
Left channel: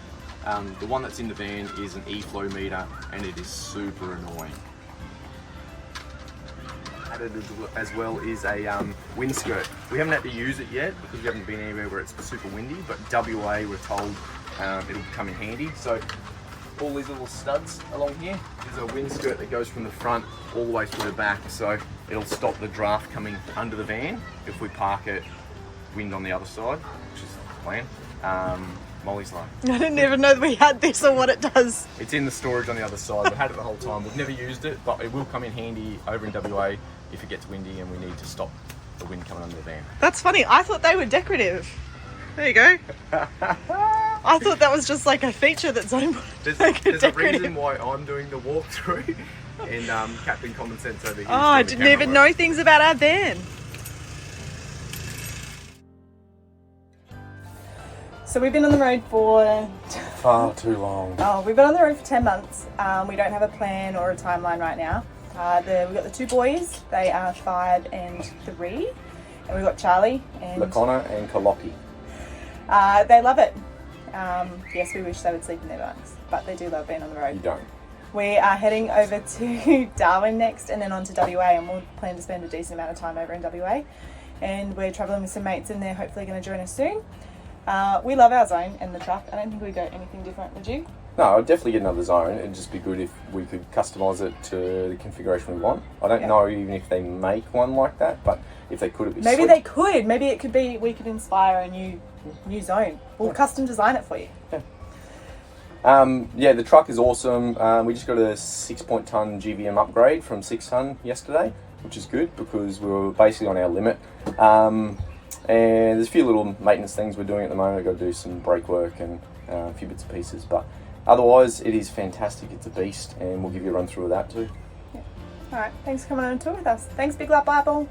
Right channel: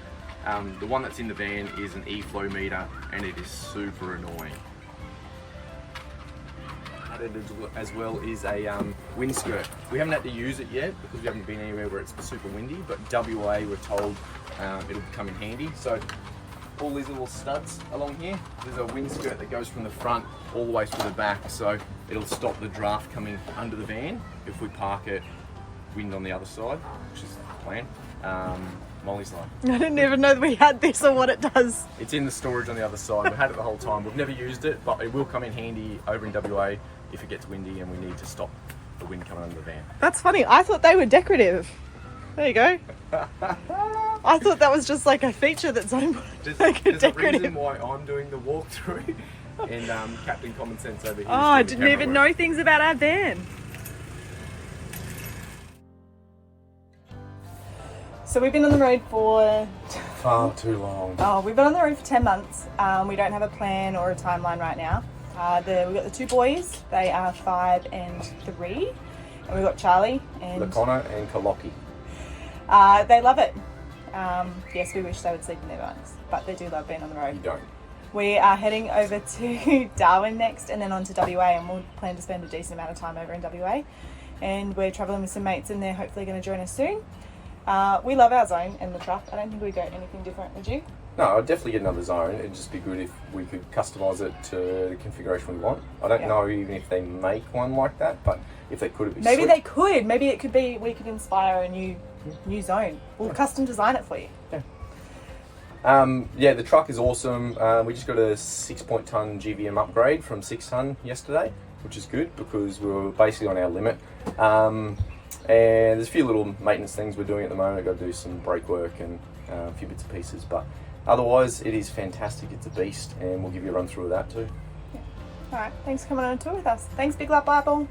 The one that's in the van is an E-flow meter and it is super annoying. Added as well is a wind skirt. We haven't had to use it yet because we haven't been anywhere where it's super windy, but WA we're told it'll come in handy. So all these little studs along here, there's a wind skirt that goes from the front all the way to the back, so it'll stop the draft coming under the van if we park it wind on the other side, which is the plan. Molly's like, I didn't even know that we had this or what it does. it's in the storage on the other side. We've had it the whole time. We've never used it, but it will come in handy over in WA if it gets windy and we need to stop the wind coming under the van. That's funny. I thought they were decorative. There you go. I thought that was just like a feature that's owned There's, like there's a decorative. reason why I'm doing the walkthrough and Captain Common Sense over here. Oh, I didn't even know things about our van. So we've been on the road for... Far too long. Oh, we've been on the road for 10 months. We don't have a plan or a timeline right now. We've got the 2 boys. They are 5 and 3. And we've got Charlie and... Lacona and Kalopi. They love it. Yes, we wish they would sleep in their bunks, but they do love being on the road. You don't. We are heading over to Darwin next and then on to WA, and we'll plan to spend a decent amount of time over in WA. And we're travelling with some mates and they're hopefully going to join us soon. We love our zone and the truck. I don't think we go anything different, would you? No, I'd definitely get another zone. It'd just be good if we could customise it to the configuration we want. I don't know even if they make one like that, but if they could, it'd be Maybe sweet. they could. Maybe it could be, we could inspire a new zone. We'll custom design it for you. Yeah. Yeah, the truck is awesome. We just got a 6 ton GVM upgrade from 6 ton yesterday, which is good because we were basically on our limit. And there's a few little maintenance things we're doing at the moment. I've got to do some brake work and a few bits and pieces, but otherwise it is fantastic. It's a beast, and we'll give you a run through of that too. Yeah. All right, thanks for coming on a tour with us. Thanks, Big Lap Bible.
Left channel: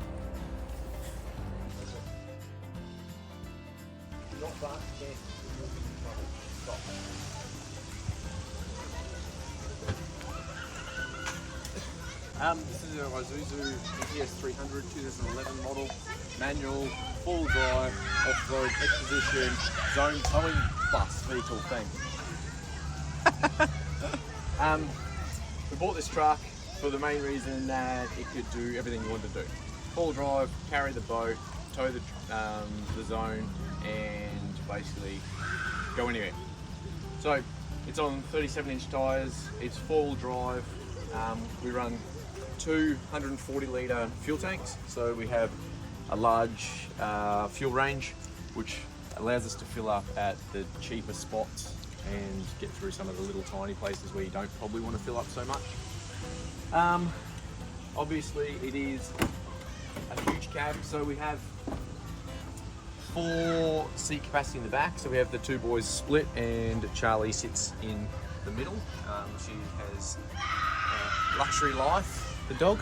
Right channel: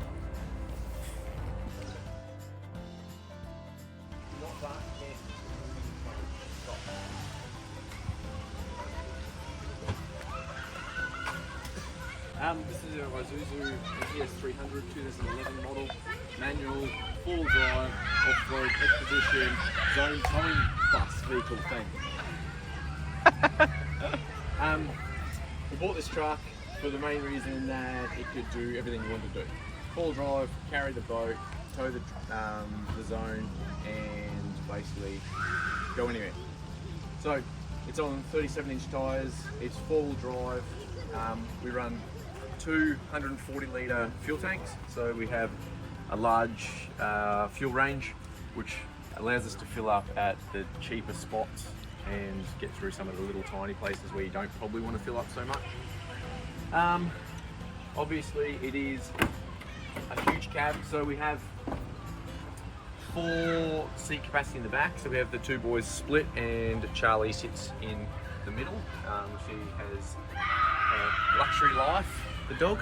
This is our Isuzu NPS300 2011 model, manual, full drive, off-road, expedition, zone towing bus vehicle thing. We bought this truck for the main reason that it could do everything you wanted to do. Full drive, carry the boat, tow the zone, and basically go anywhere. So it's on 37-inch tyres, it's full drive. We run 240 litre fuel tanks, so we have a large fuel range which allows us to fill up at the cheaper spots and get through some of the little tiny places where you don't probably want to fill up so much. Obviously it is a huge cab, so we have 4 seat capacity in the back, so we have the 2 boys split and Charlie sits in the middle. She has a luxury life, the dog.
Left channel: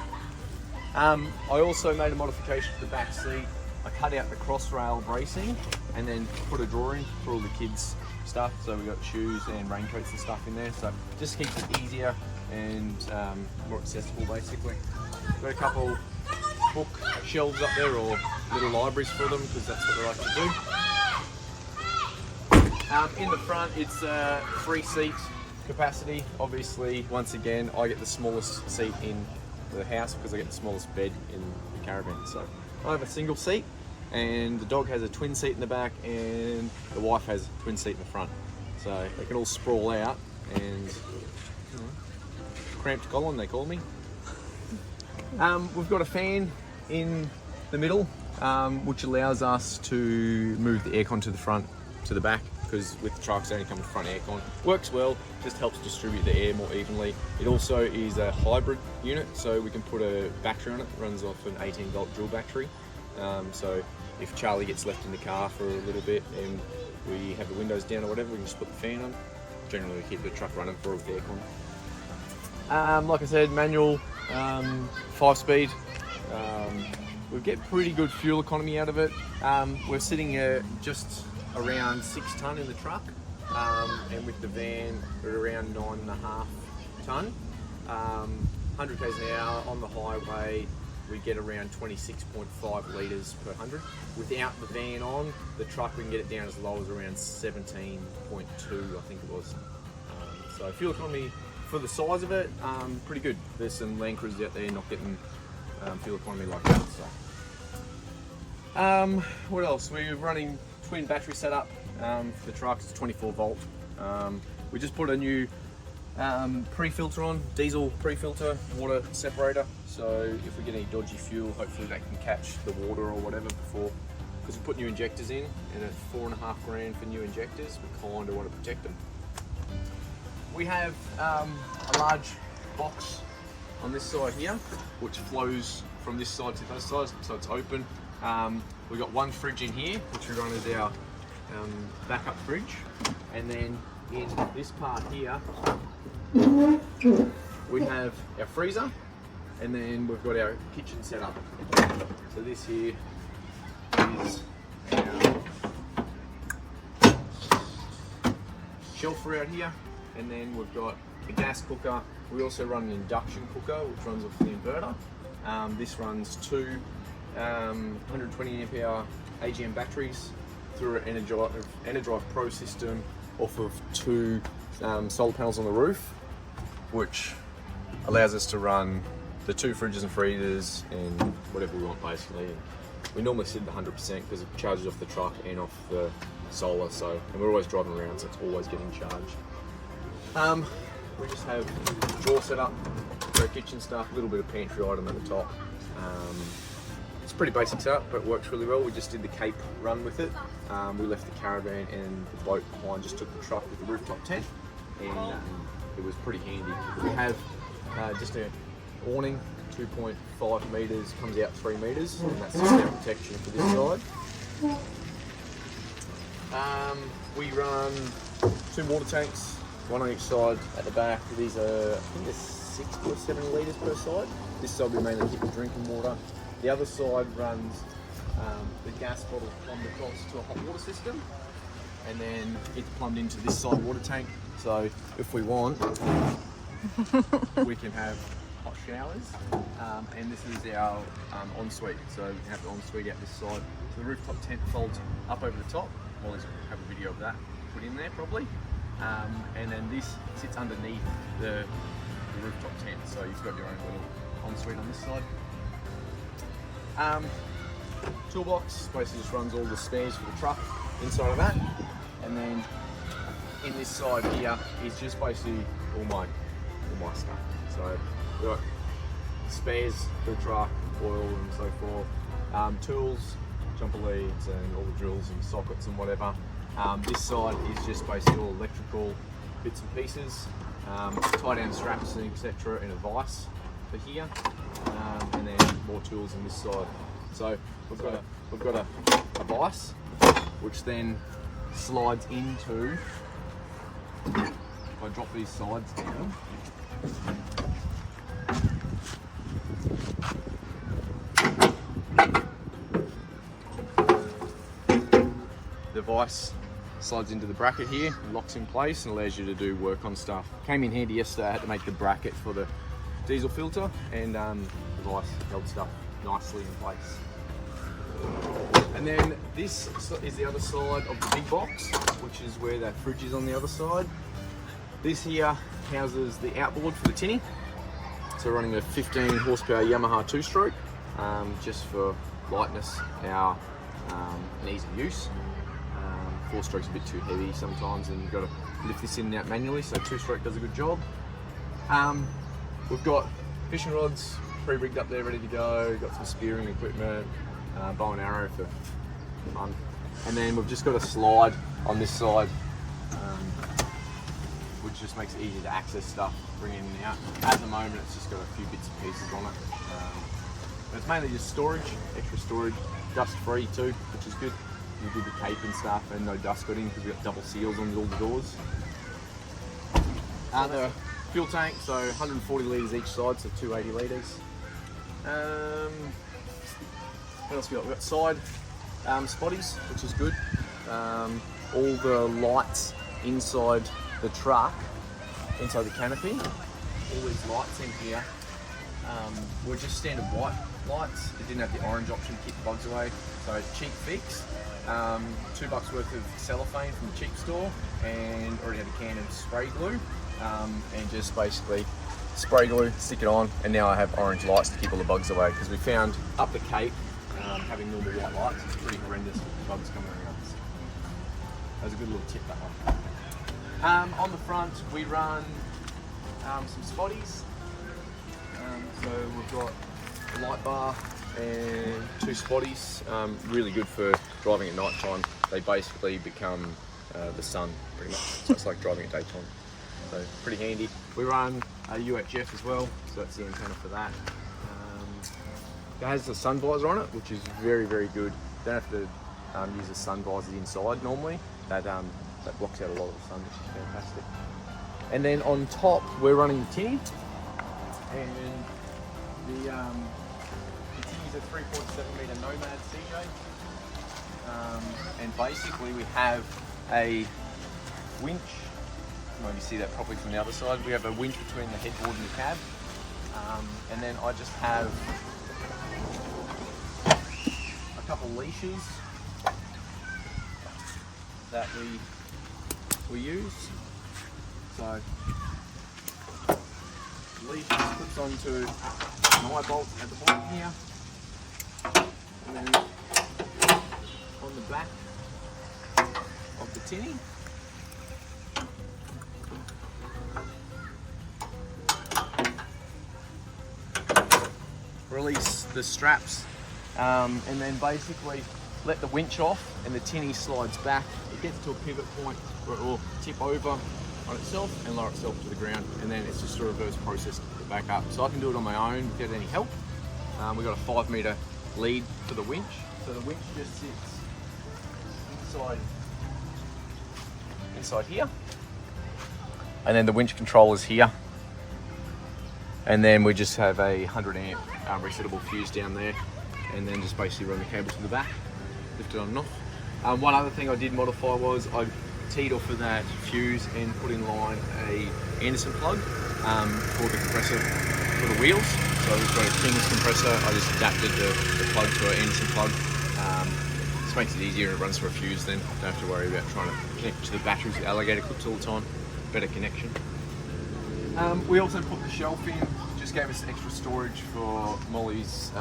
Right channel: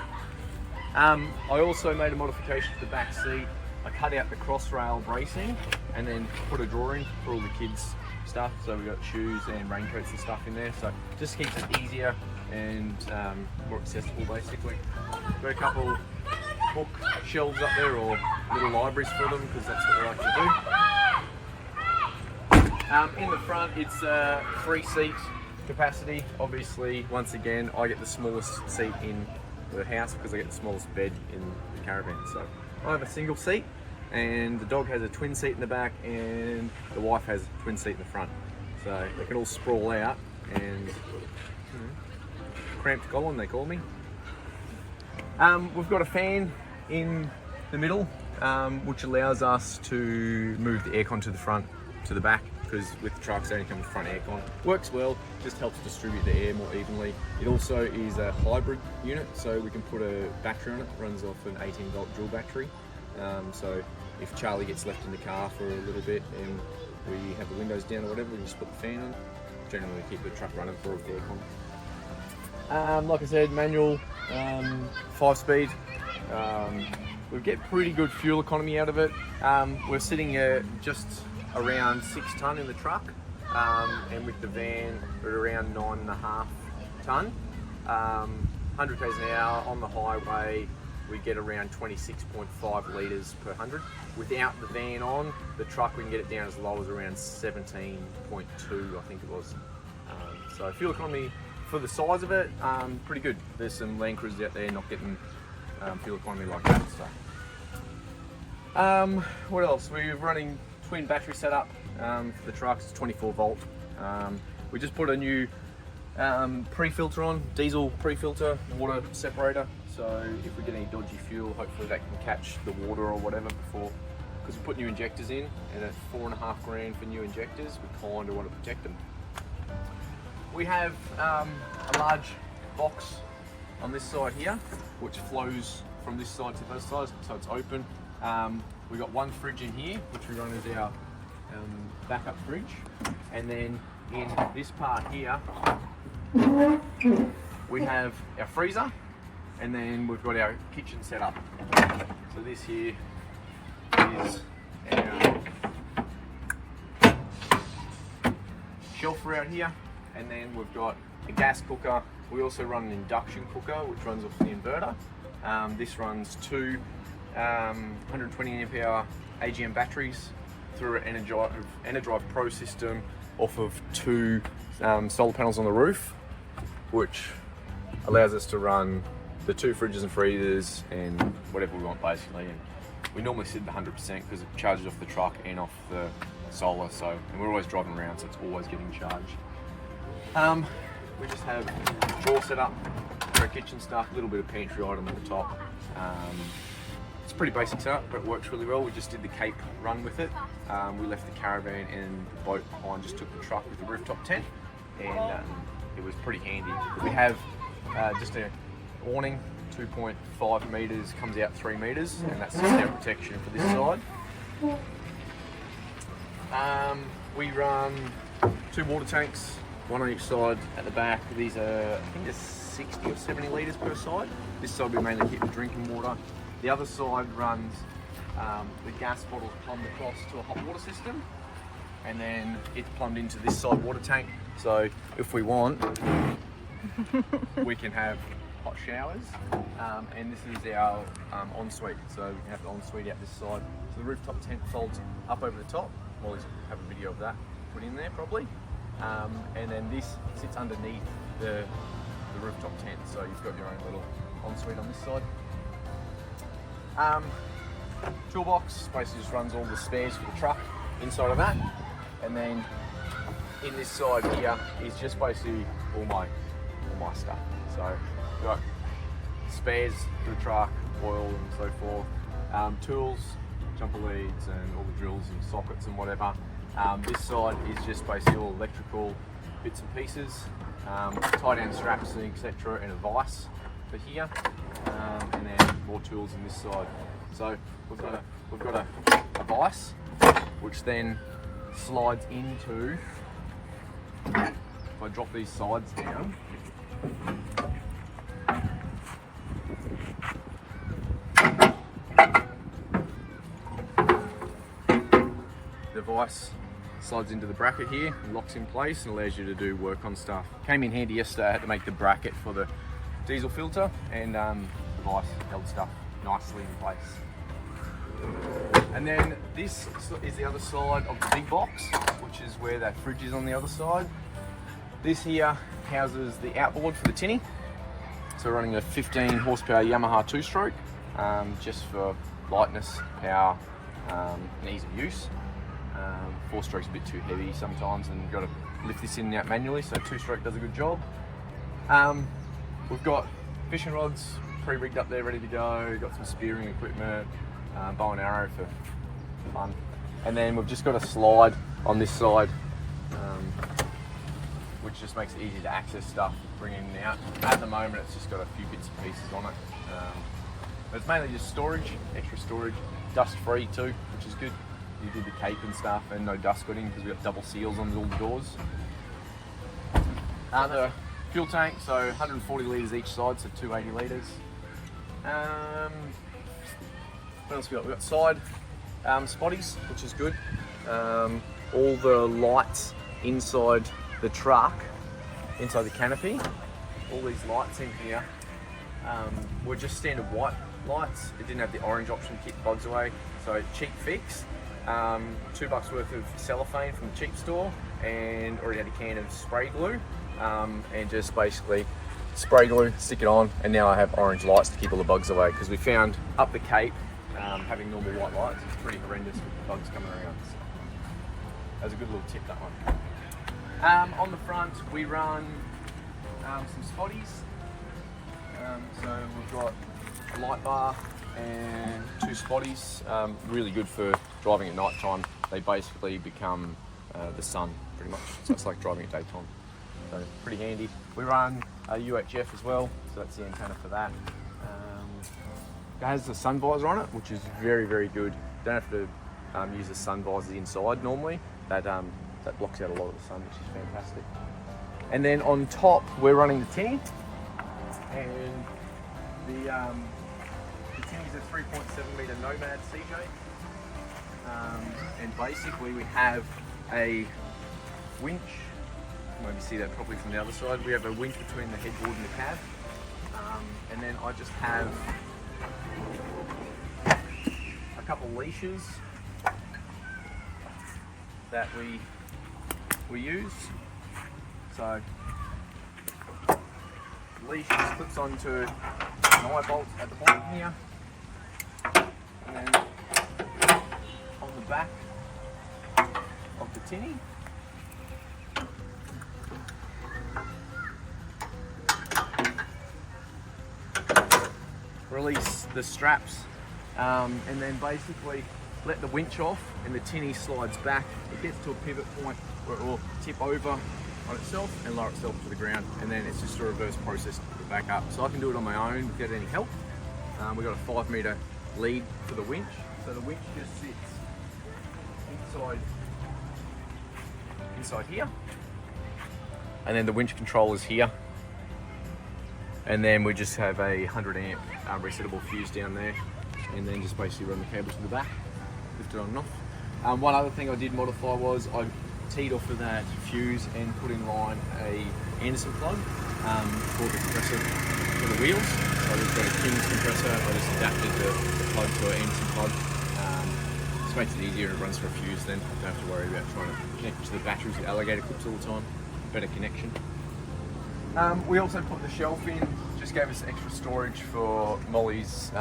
I also made a modification to the back seat. I cut out the cross-rail bracing and then put a drawer in for all the kids' stuff. So we got shoes and raincoats and stuff in there. So just keeps it easier and more accessible basically. Got a couple book shelves up there or little libraries for them because that's what they like to do. In the front it's 3 seat capacity. Obviously, once again, I get the smallest seat in the house because I get the smallest bed in the caravan. So I have a single seat, and the dog has a twin seat in the back, and the wife has a twin seat in the front. So they can all sprawl out, and cramped Colin, they call me. We've got a fan in the middle, which allows us to move the aircon to the front, to the back, because with the trucks only come with front aircon. Works well, just helps distribute the air more evenly. It also is a hybrid unit, so we can put a battery on it. It runs off an 18-volt dual battery. So if Charlie gets left in the car for a little bit and we have the windows down or whatever, we can just put the fan on. Generally we keep the truck running for the aircon. Like I said, manual, 5-speed. We get pretty good fuel economy out of it. We're sitting at just around 6 ton in the truck, and with the van we're around 9.5 ton. 100 k's an hour on the highway, we get around 26.5 litres per 100. Without the van on, the truck we can get it down as low as around 17.2, I think it was. So fuel economy for the size of it, pretty good. There's some Land Cruisers out there not getting fuel economy like that. So, what else? We're running twin battery setup for the trucks. It's 24 volt. We just put a new pre-filter on, diesel pre-filter, water separator. So if we get any dodgy fuel, hopefully that can catch the water or whatever before. Because we put new injectors in, and at $4.5 grand for new injectors, we kind of want to protect them. We have a large box on this side here, which flows from this side to this side, so it's open. We've got one fridge in here, which we run as our backup fridge, and then in this part here we have our freezer, and then we've got our kitchen set up. So this here is our shelf around here, and then we've got a gas cooker. We also run an induction cooker which runs off the inverter. This runs 2 120 amp hour AGM batteries through an Energive Pro system off of 2 solar panels on the roof, which allows us to run the 2 fridges and freezers and whatever we want basically. We normally sit at 100% because it charges off the truck and off the solar, so and we're always driving around, so it's always getting charged. We just have a drawer set up for our kitchen stuff, a little bit of pantry item at the top. It's a pretty basic setup, but it works really well. We just did the Cape run with it. We left the caravan and the boat behind, just took the truck with the rooftop tent. and it was pretty handy. We have just a awning, 2.5 metres, comes out 3 metres, and that's just our protection for this side. We run 2 water tanks, one on each side at the back. These are, I think they're 60 or 70 litres per side. This side we mainly keep the drinking water. The other side runs the gas bottle plumbed across to a hot water system, and then it's plumbed into this side water tank. So if we want, we can have hot showers, and this is our ensuite. So we can have the ensuite out this side. So the rooftop tent folds up over the top. Molly's have a video of that put in there probably. And then this sits underneath the rooftop tent. So you've got your own little ensuite on this side. Toolbox basically just runs all the spares for the truck inside of that, and then in this side here is just basically all my stuff. So we've got spares for the truck, oil and so forth, tools, jumper leads and all the drills and sockets and whatever. This side is just basically all electrical bits and pieces, tie down straps and etc. and a vise for here, and then more tools on this side. So we've got a vise which then slides into, if I drop these sides down, the vise slides into the bracket here and locks in place and allows you to do work on stuff. Came in handy yesterday. I had to make the bracket for the diesel filter, and the vise held stuff nicely in place. And then this is the other side of the big box, which is where that fridge is on the other side. This here houses the outboard for the Tinny. So we're running a 15 horsepower Yamaha 2-stroke, just for lightness, power, and ease of use. 4-stroke's a bit too heavy sometimes, and you've got to lift this in and out manually, so 2-stroke does a good job. We've got fishing rods pre-rigged up there, ready to go. Got some spearing equipment, bow and arrow for fun. And then we've just got a slide on this side, which just makes it easy to access stuff, bring in and out. At the moment, it's just got a few bits and pieces on it. But it's mainly just storage, extra storage, dust-free too, which is good. You did the tape and stuff, and no dust got in because we've got double seals on all the doors. The fuel tank, so 140 litres each side, so 280 litres. What else we got? We've got side spotties, which is good. All the lights inside the truck, inside the canopy, all these lights in here were just standard white lights. It didn't have the orange option to keep the bugs away, so cheap fix. $2 worth of cellophane from the cheap store, and already had a can of spray glue, and just basically spray glue, stick it on, and now I have orange lights to keep all the bugs away, because we found up the Cape having normal white lights is pretty horrendous with bugs coming around. So that was a good little tip, that one. On the front we run some spotties, so we've got a light bar and 2 spotties, really good for driving at night time. They basically become the sun pretty much, so it's like driving at daytime, so pretty handy. We run a UHF as well, so that's the antenna for that. It has a sun visor on it, which is very, very good. Don't have to use the sun visor inside normally. That blocks out a lot of the sun, which is fantastic. And then on top we're running the Tinny, and the Tinny's a 3.7 metre Nomad CJ, and basically we have a winch. Maybe see that properly from the other side. We have a winch between the headboard and the cab, and then I just have a couple leashes that we use. So leash clips onto an eye bolt at the bottom here, and then on the back of the Tinny release the straps, and then basically let the winch off, and the Tinny slides back. It gets to a pivot point where it will tip over, on itself and lower itself to the ground, and then it's just a reverse process to put it back up. So I can do it on my own without any help. We've got a 5 metre lead for the winch, so the winch just sits inside here, and then the winch controller's here, and then we just have a 100 amp resettable fuse down there, and then just basically run the cable to the back, lift it on and off. One other thing I did modify was I teed off of that fuse and put in line a Anderson plug for the compressor for the wheels. So we've got a Tinny compressor. I just adapted the plug to an Anderson plug. This makes it easier and it runs for a fuse then. Don't have to worry about trying to connect to the batteries with alligator clips all the time. Better connection. We also put the shelf in, just gave us extra storage for Molly's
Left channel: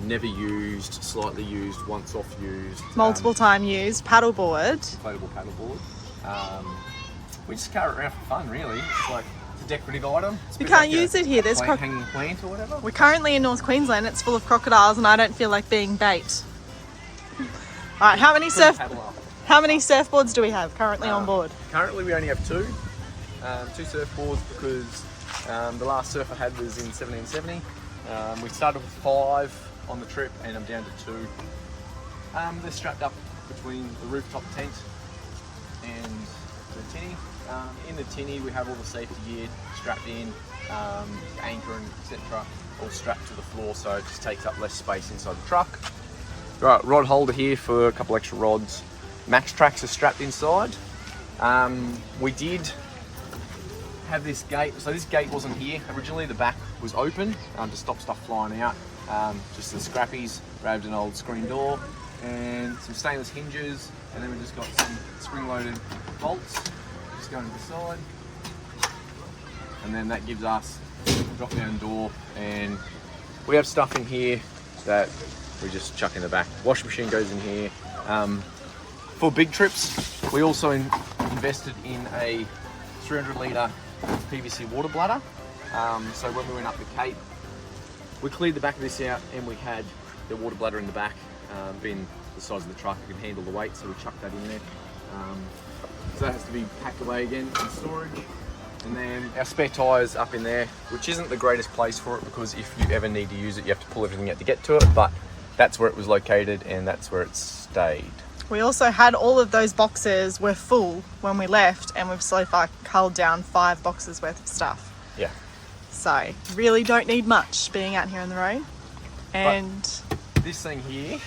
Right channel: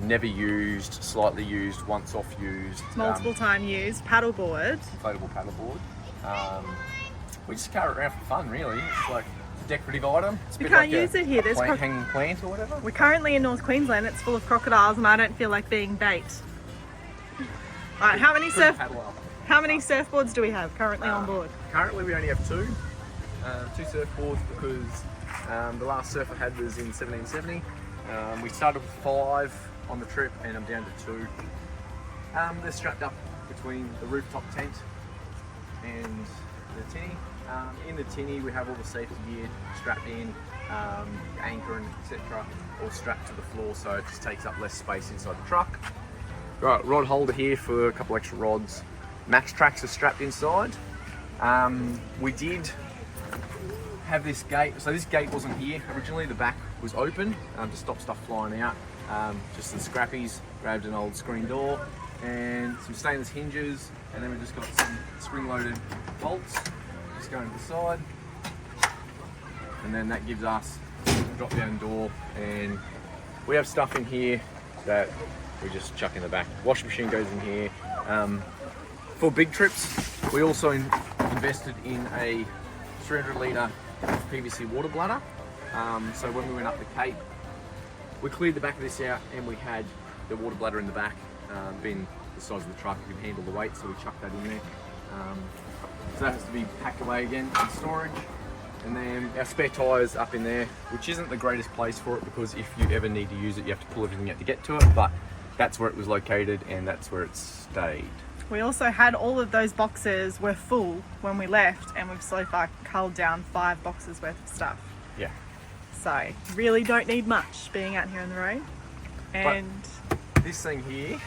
never used, slightly used, once off used, Multiple time used paddleboard. inflatable paddleboard. We just carry it around for fun, really. It's like a decorative item. It's a We bit can't like use it here. There's hanging plant or whatever. We're currently in North Queensland. It's full of crocodiles, and I don't feel like being bait. All right, how many surfboards do we have currently on board? Currently, we only have 2. 2 surfboards because the last surf I had was in 1770. We started with 5 on the trip, and I'm down to 2. They're strapped up between the rooftop tent and the tinny. In the tinny, we have all the safety gear strapped in, anchor and etc. all strapped to the floor, so it just takes up less space inside the truck. Right, rod holder here for a couple extra rods. Max tracks are strapped inside. We did have this gate, so this gate wasn't here originally. The back was open to stop stuff flying out. Just the scrappies, grabbed an old screen door and some stainless hinges, and then we just got some spring-loaded bolts just going to the side, and then that gives us a drop-down door, and we have stuff in here that we just chuck in the back. Washing machine goes in here. For big trips, we also invested in a 300 litre PVC water bladder. So when we went up the Cape, we cleared the back of this out, and we had the water bladder in the back, being the size of the truck, we could handle the weight, so we chucked that in there. So that has to be packed away again in storage. And then our spare tyres up in there, which isn't the greatest place for it, because if you ever need to use it, you have to pull everything out to get to it, but that's where it was located and that's where it stayed. We also had all of those boxes were full when we left, and we've so far culled down 5 boxes worth of stuff. Yeah. So really don't need much being out here on the road. And this thing here,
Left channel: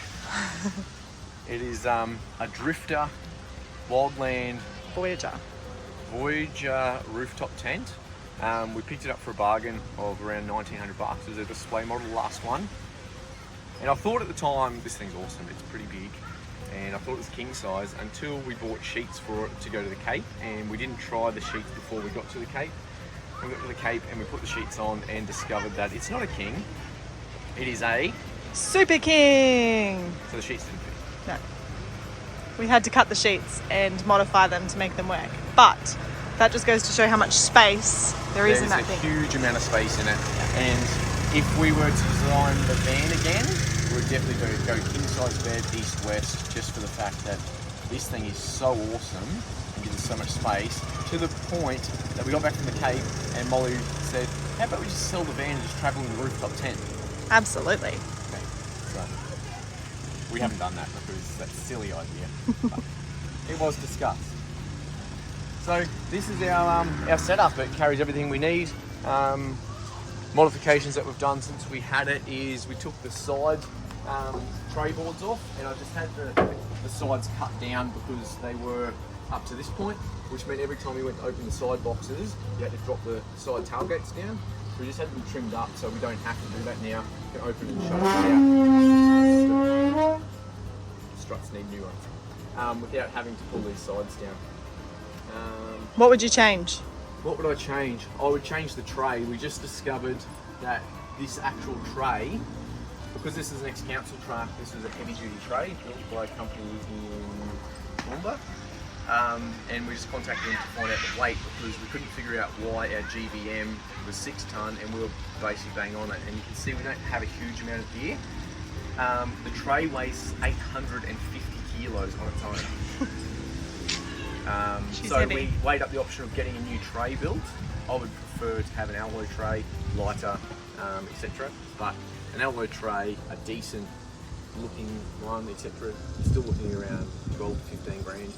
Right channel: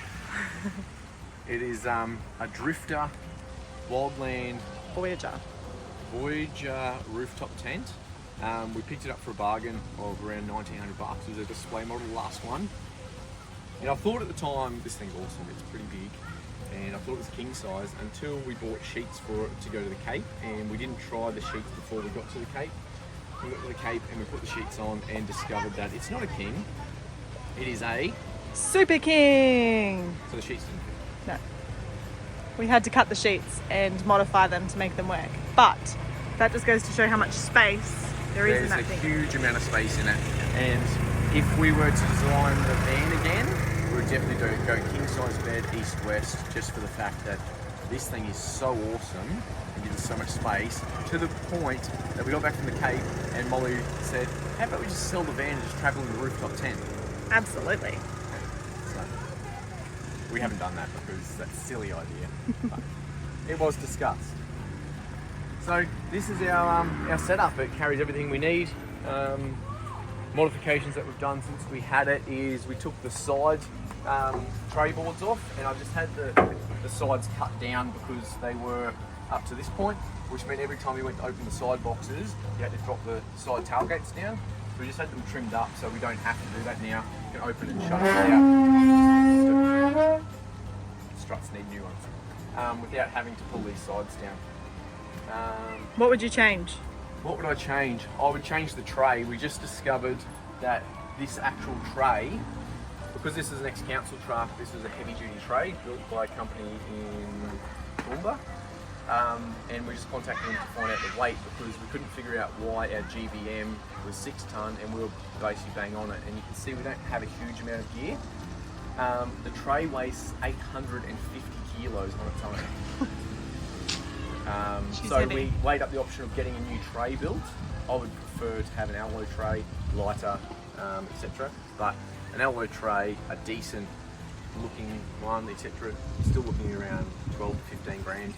it is a Drifter Wildland Voyager rooftop tent. We picked it up for a bargain of around 1900 bucks. It was a display model, the last one. And I thought at the time, this thing's awesome, it's pretty big. And I thought it was king size until we bought sheets for it to go to the Cape, and we didn't try the sheets before we got to the Cape. We got to the Cape and we put the sheets on and discovered that it's not a king, it is a Super King. So the sheets didn't fit. No. We had to cut the sheets and modify them to make them work. But that just goes to show how much space there is in that thing. There's a huge amount of space in it. Yeah. And if we were to design the van again, we would definitely go king size bed, east-west, just for the fact that this thing is so awesome and gives us so much space, to the point that we got back from the Cape and Molly said, how about we just sell the van and just travel in the rooftop tent? Absolutely. Okay. So we haven't done that because that's a silly idea, but it was discussed. So this is our setup. It carries everything we need. Modifications that we've done since we had it is we took the side tray boards off, and I just had the sides cut down because they were up to this point, which meant every time we went to open the side boxes, you had to drop the side tailgates down. So we just had them trimmed up so we don't have to do that now. You can open and shut it out. Struts need new ones. Without having to pull these sides down. What would you change? What would I change? I would change the tray. We just discovered that this actual tray, because this is an ex-council truck, this is a heavy-duty tray built by a company in Toowoomba. And we just contacted them to find out the weight, because we couldn't figure out why our GVM was 6 tonne and we were basically bang on it. And you can see we don't have a huge amount of gear. The tray weighs 850 kilos on its own. She's so heavy. we weighed up the option of getting a new tray built. I would prefer to have an alloy tray, lighter, etc. But an alloy tray, a decent looking one, etc. Still looking around 12 to 15 grand.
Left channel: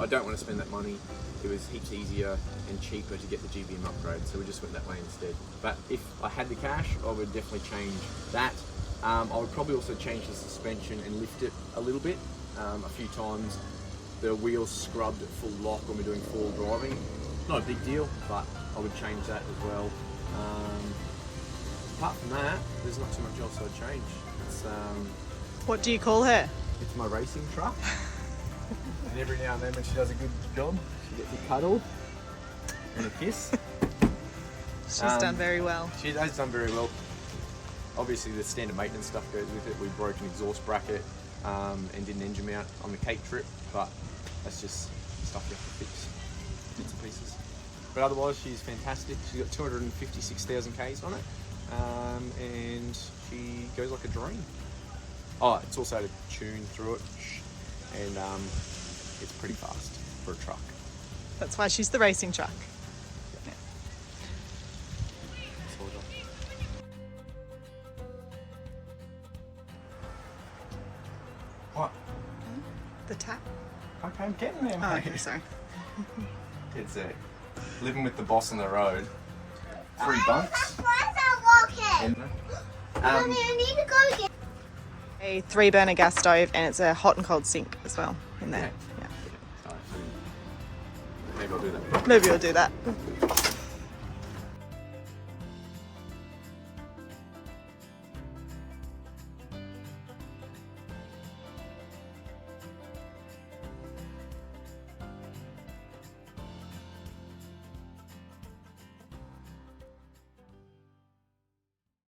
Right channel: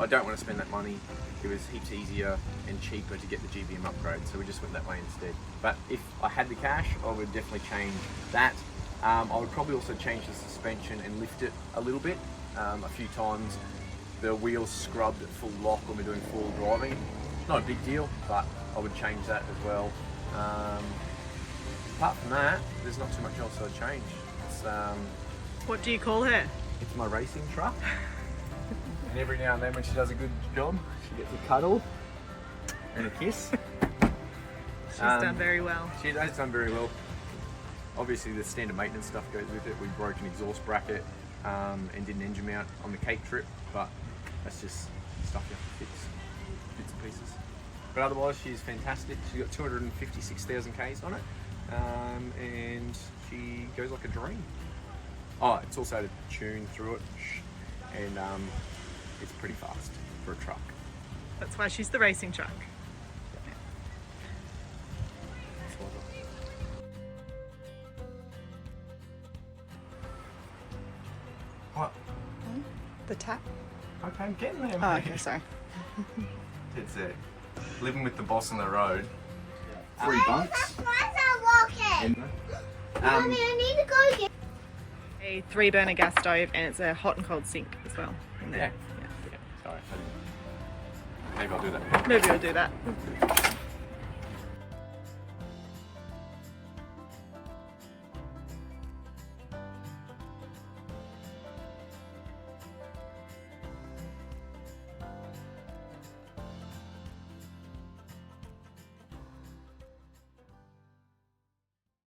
I don't want to spend that money. It was heaps easier and cheaper to get the GBM upgrade, so we just went that way instead. But if I had the cash, I would definitely change that. I would probably also change the suspension and lift it a little bit. A few times the wheels scrubbed at full lock when we're doing full driving. Not a big deal, but I would change that as well. Apart from that, there's not too much else I'd change. It's, What do you call her? it's my racing truck. And every now and then when she does a good job, she gets a cuddle and a kiss. She's done very well. She has done very well. Obviously the standard maintenance stuff goes with it. We broke an exhaust bracket and did an engine mount on the Cape trip, but that's just stuff you have to fix, bits and pieces. But otherwise she's fantastic. She's got 256,000 Ks on it, and she goes like a dream. Oh, it's also had a tune through it, and it's pretty fast for a truck. That's why she's the racing truck. Yeah. Sort of. What? The tap. Okay, I'm getting there, Oh, mate. okay, sorry. It's living with the boss on the road. 3 bunks. Why is that walking? Mommy, I need to go get. A 3-burner gas stove, and it's a hot and cold sink as well in there. Yeah. Sorry, maybe I'll do that. Maybe we'll do that.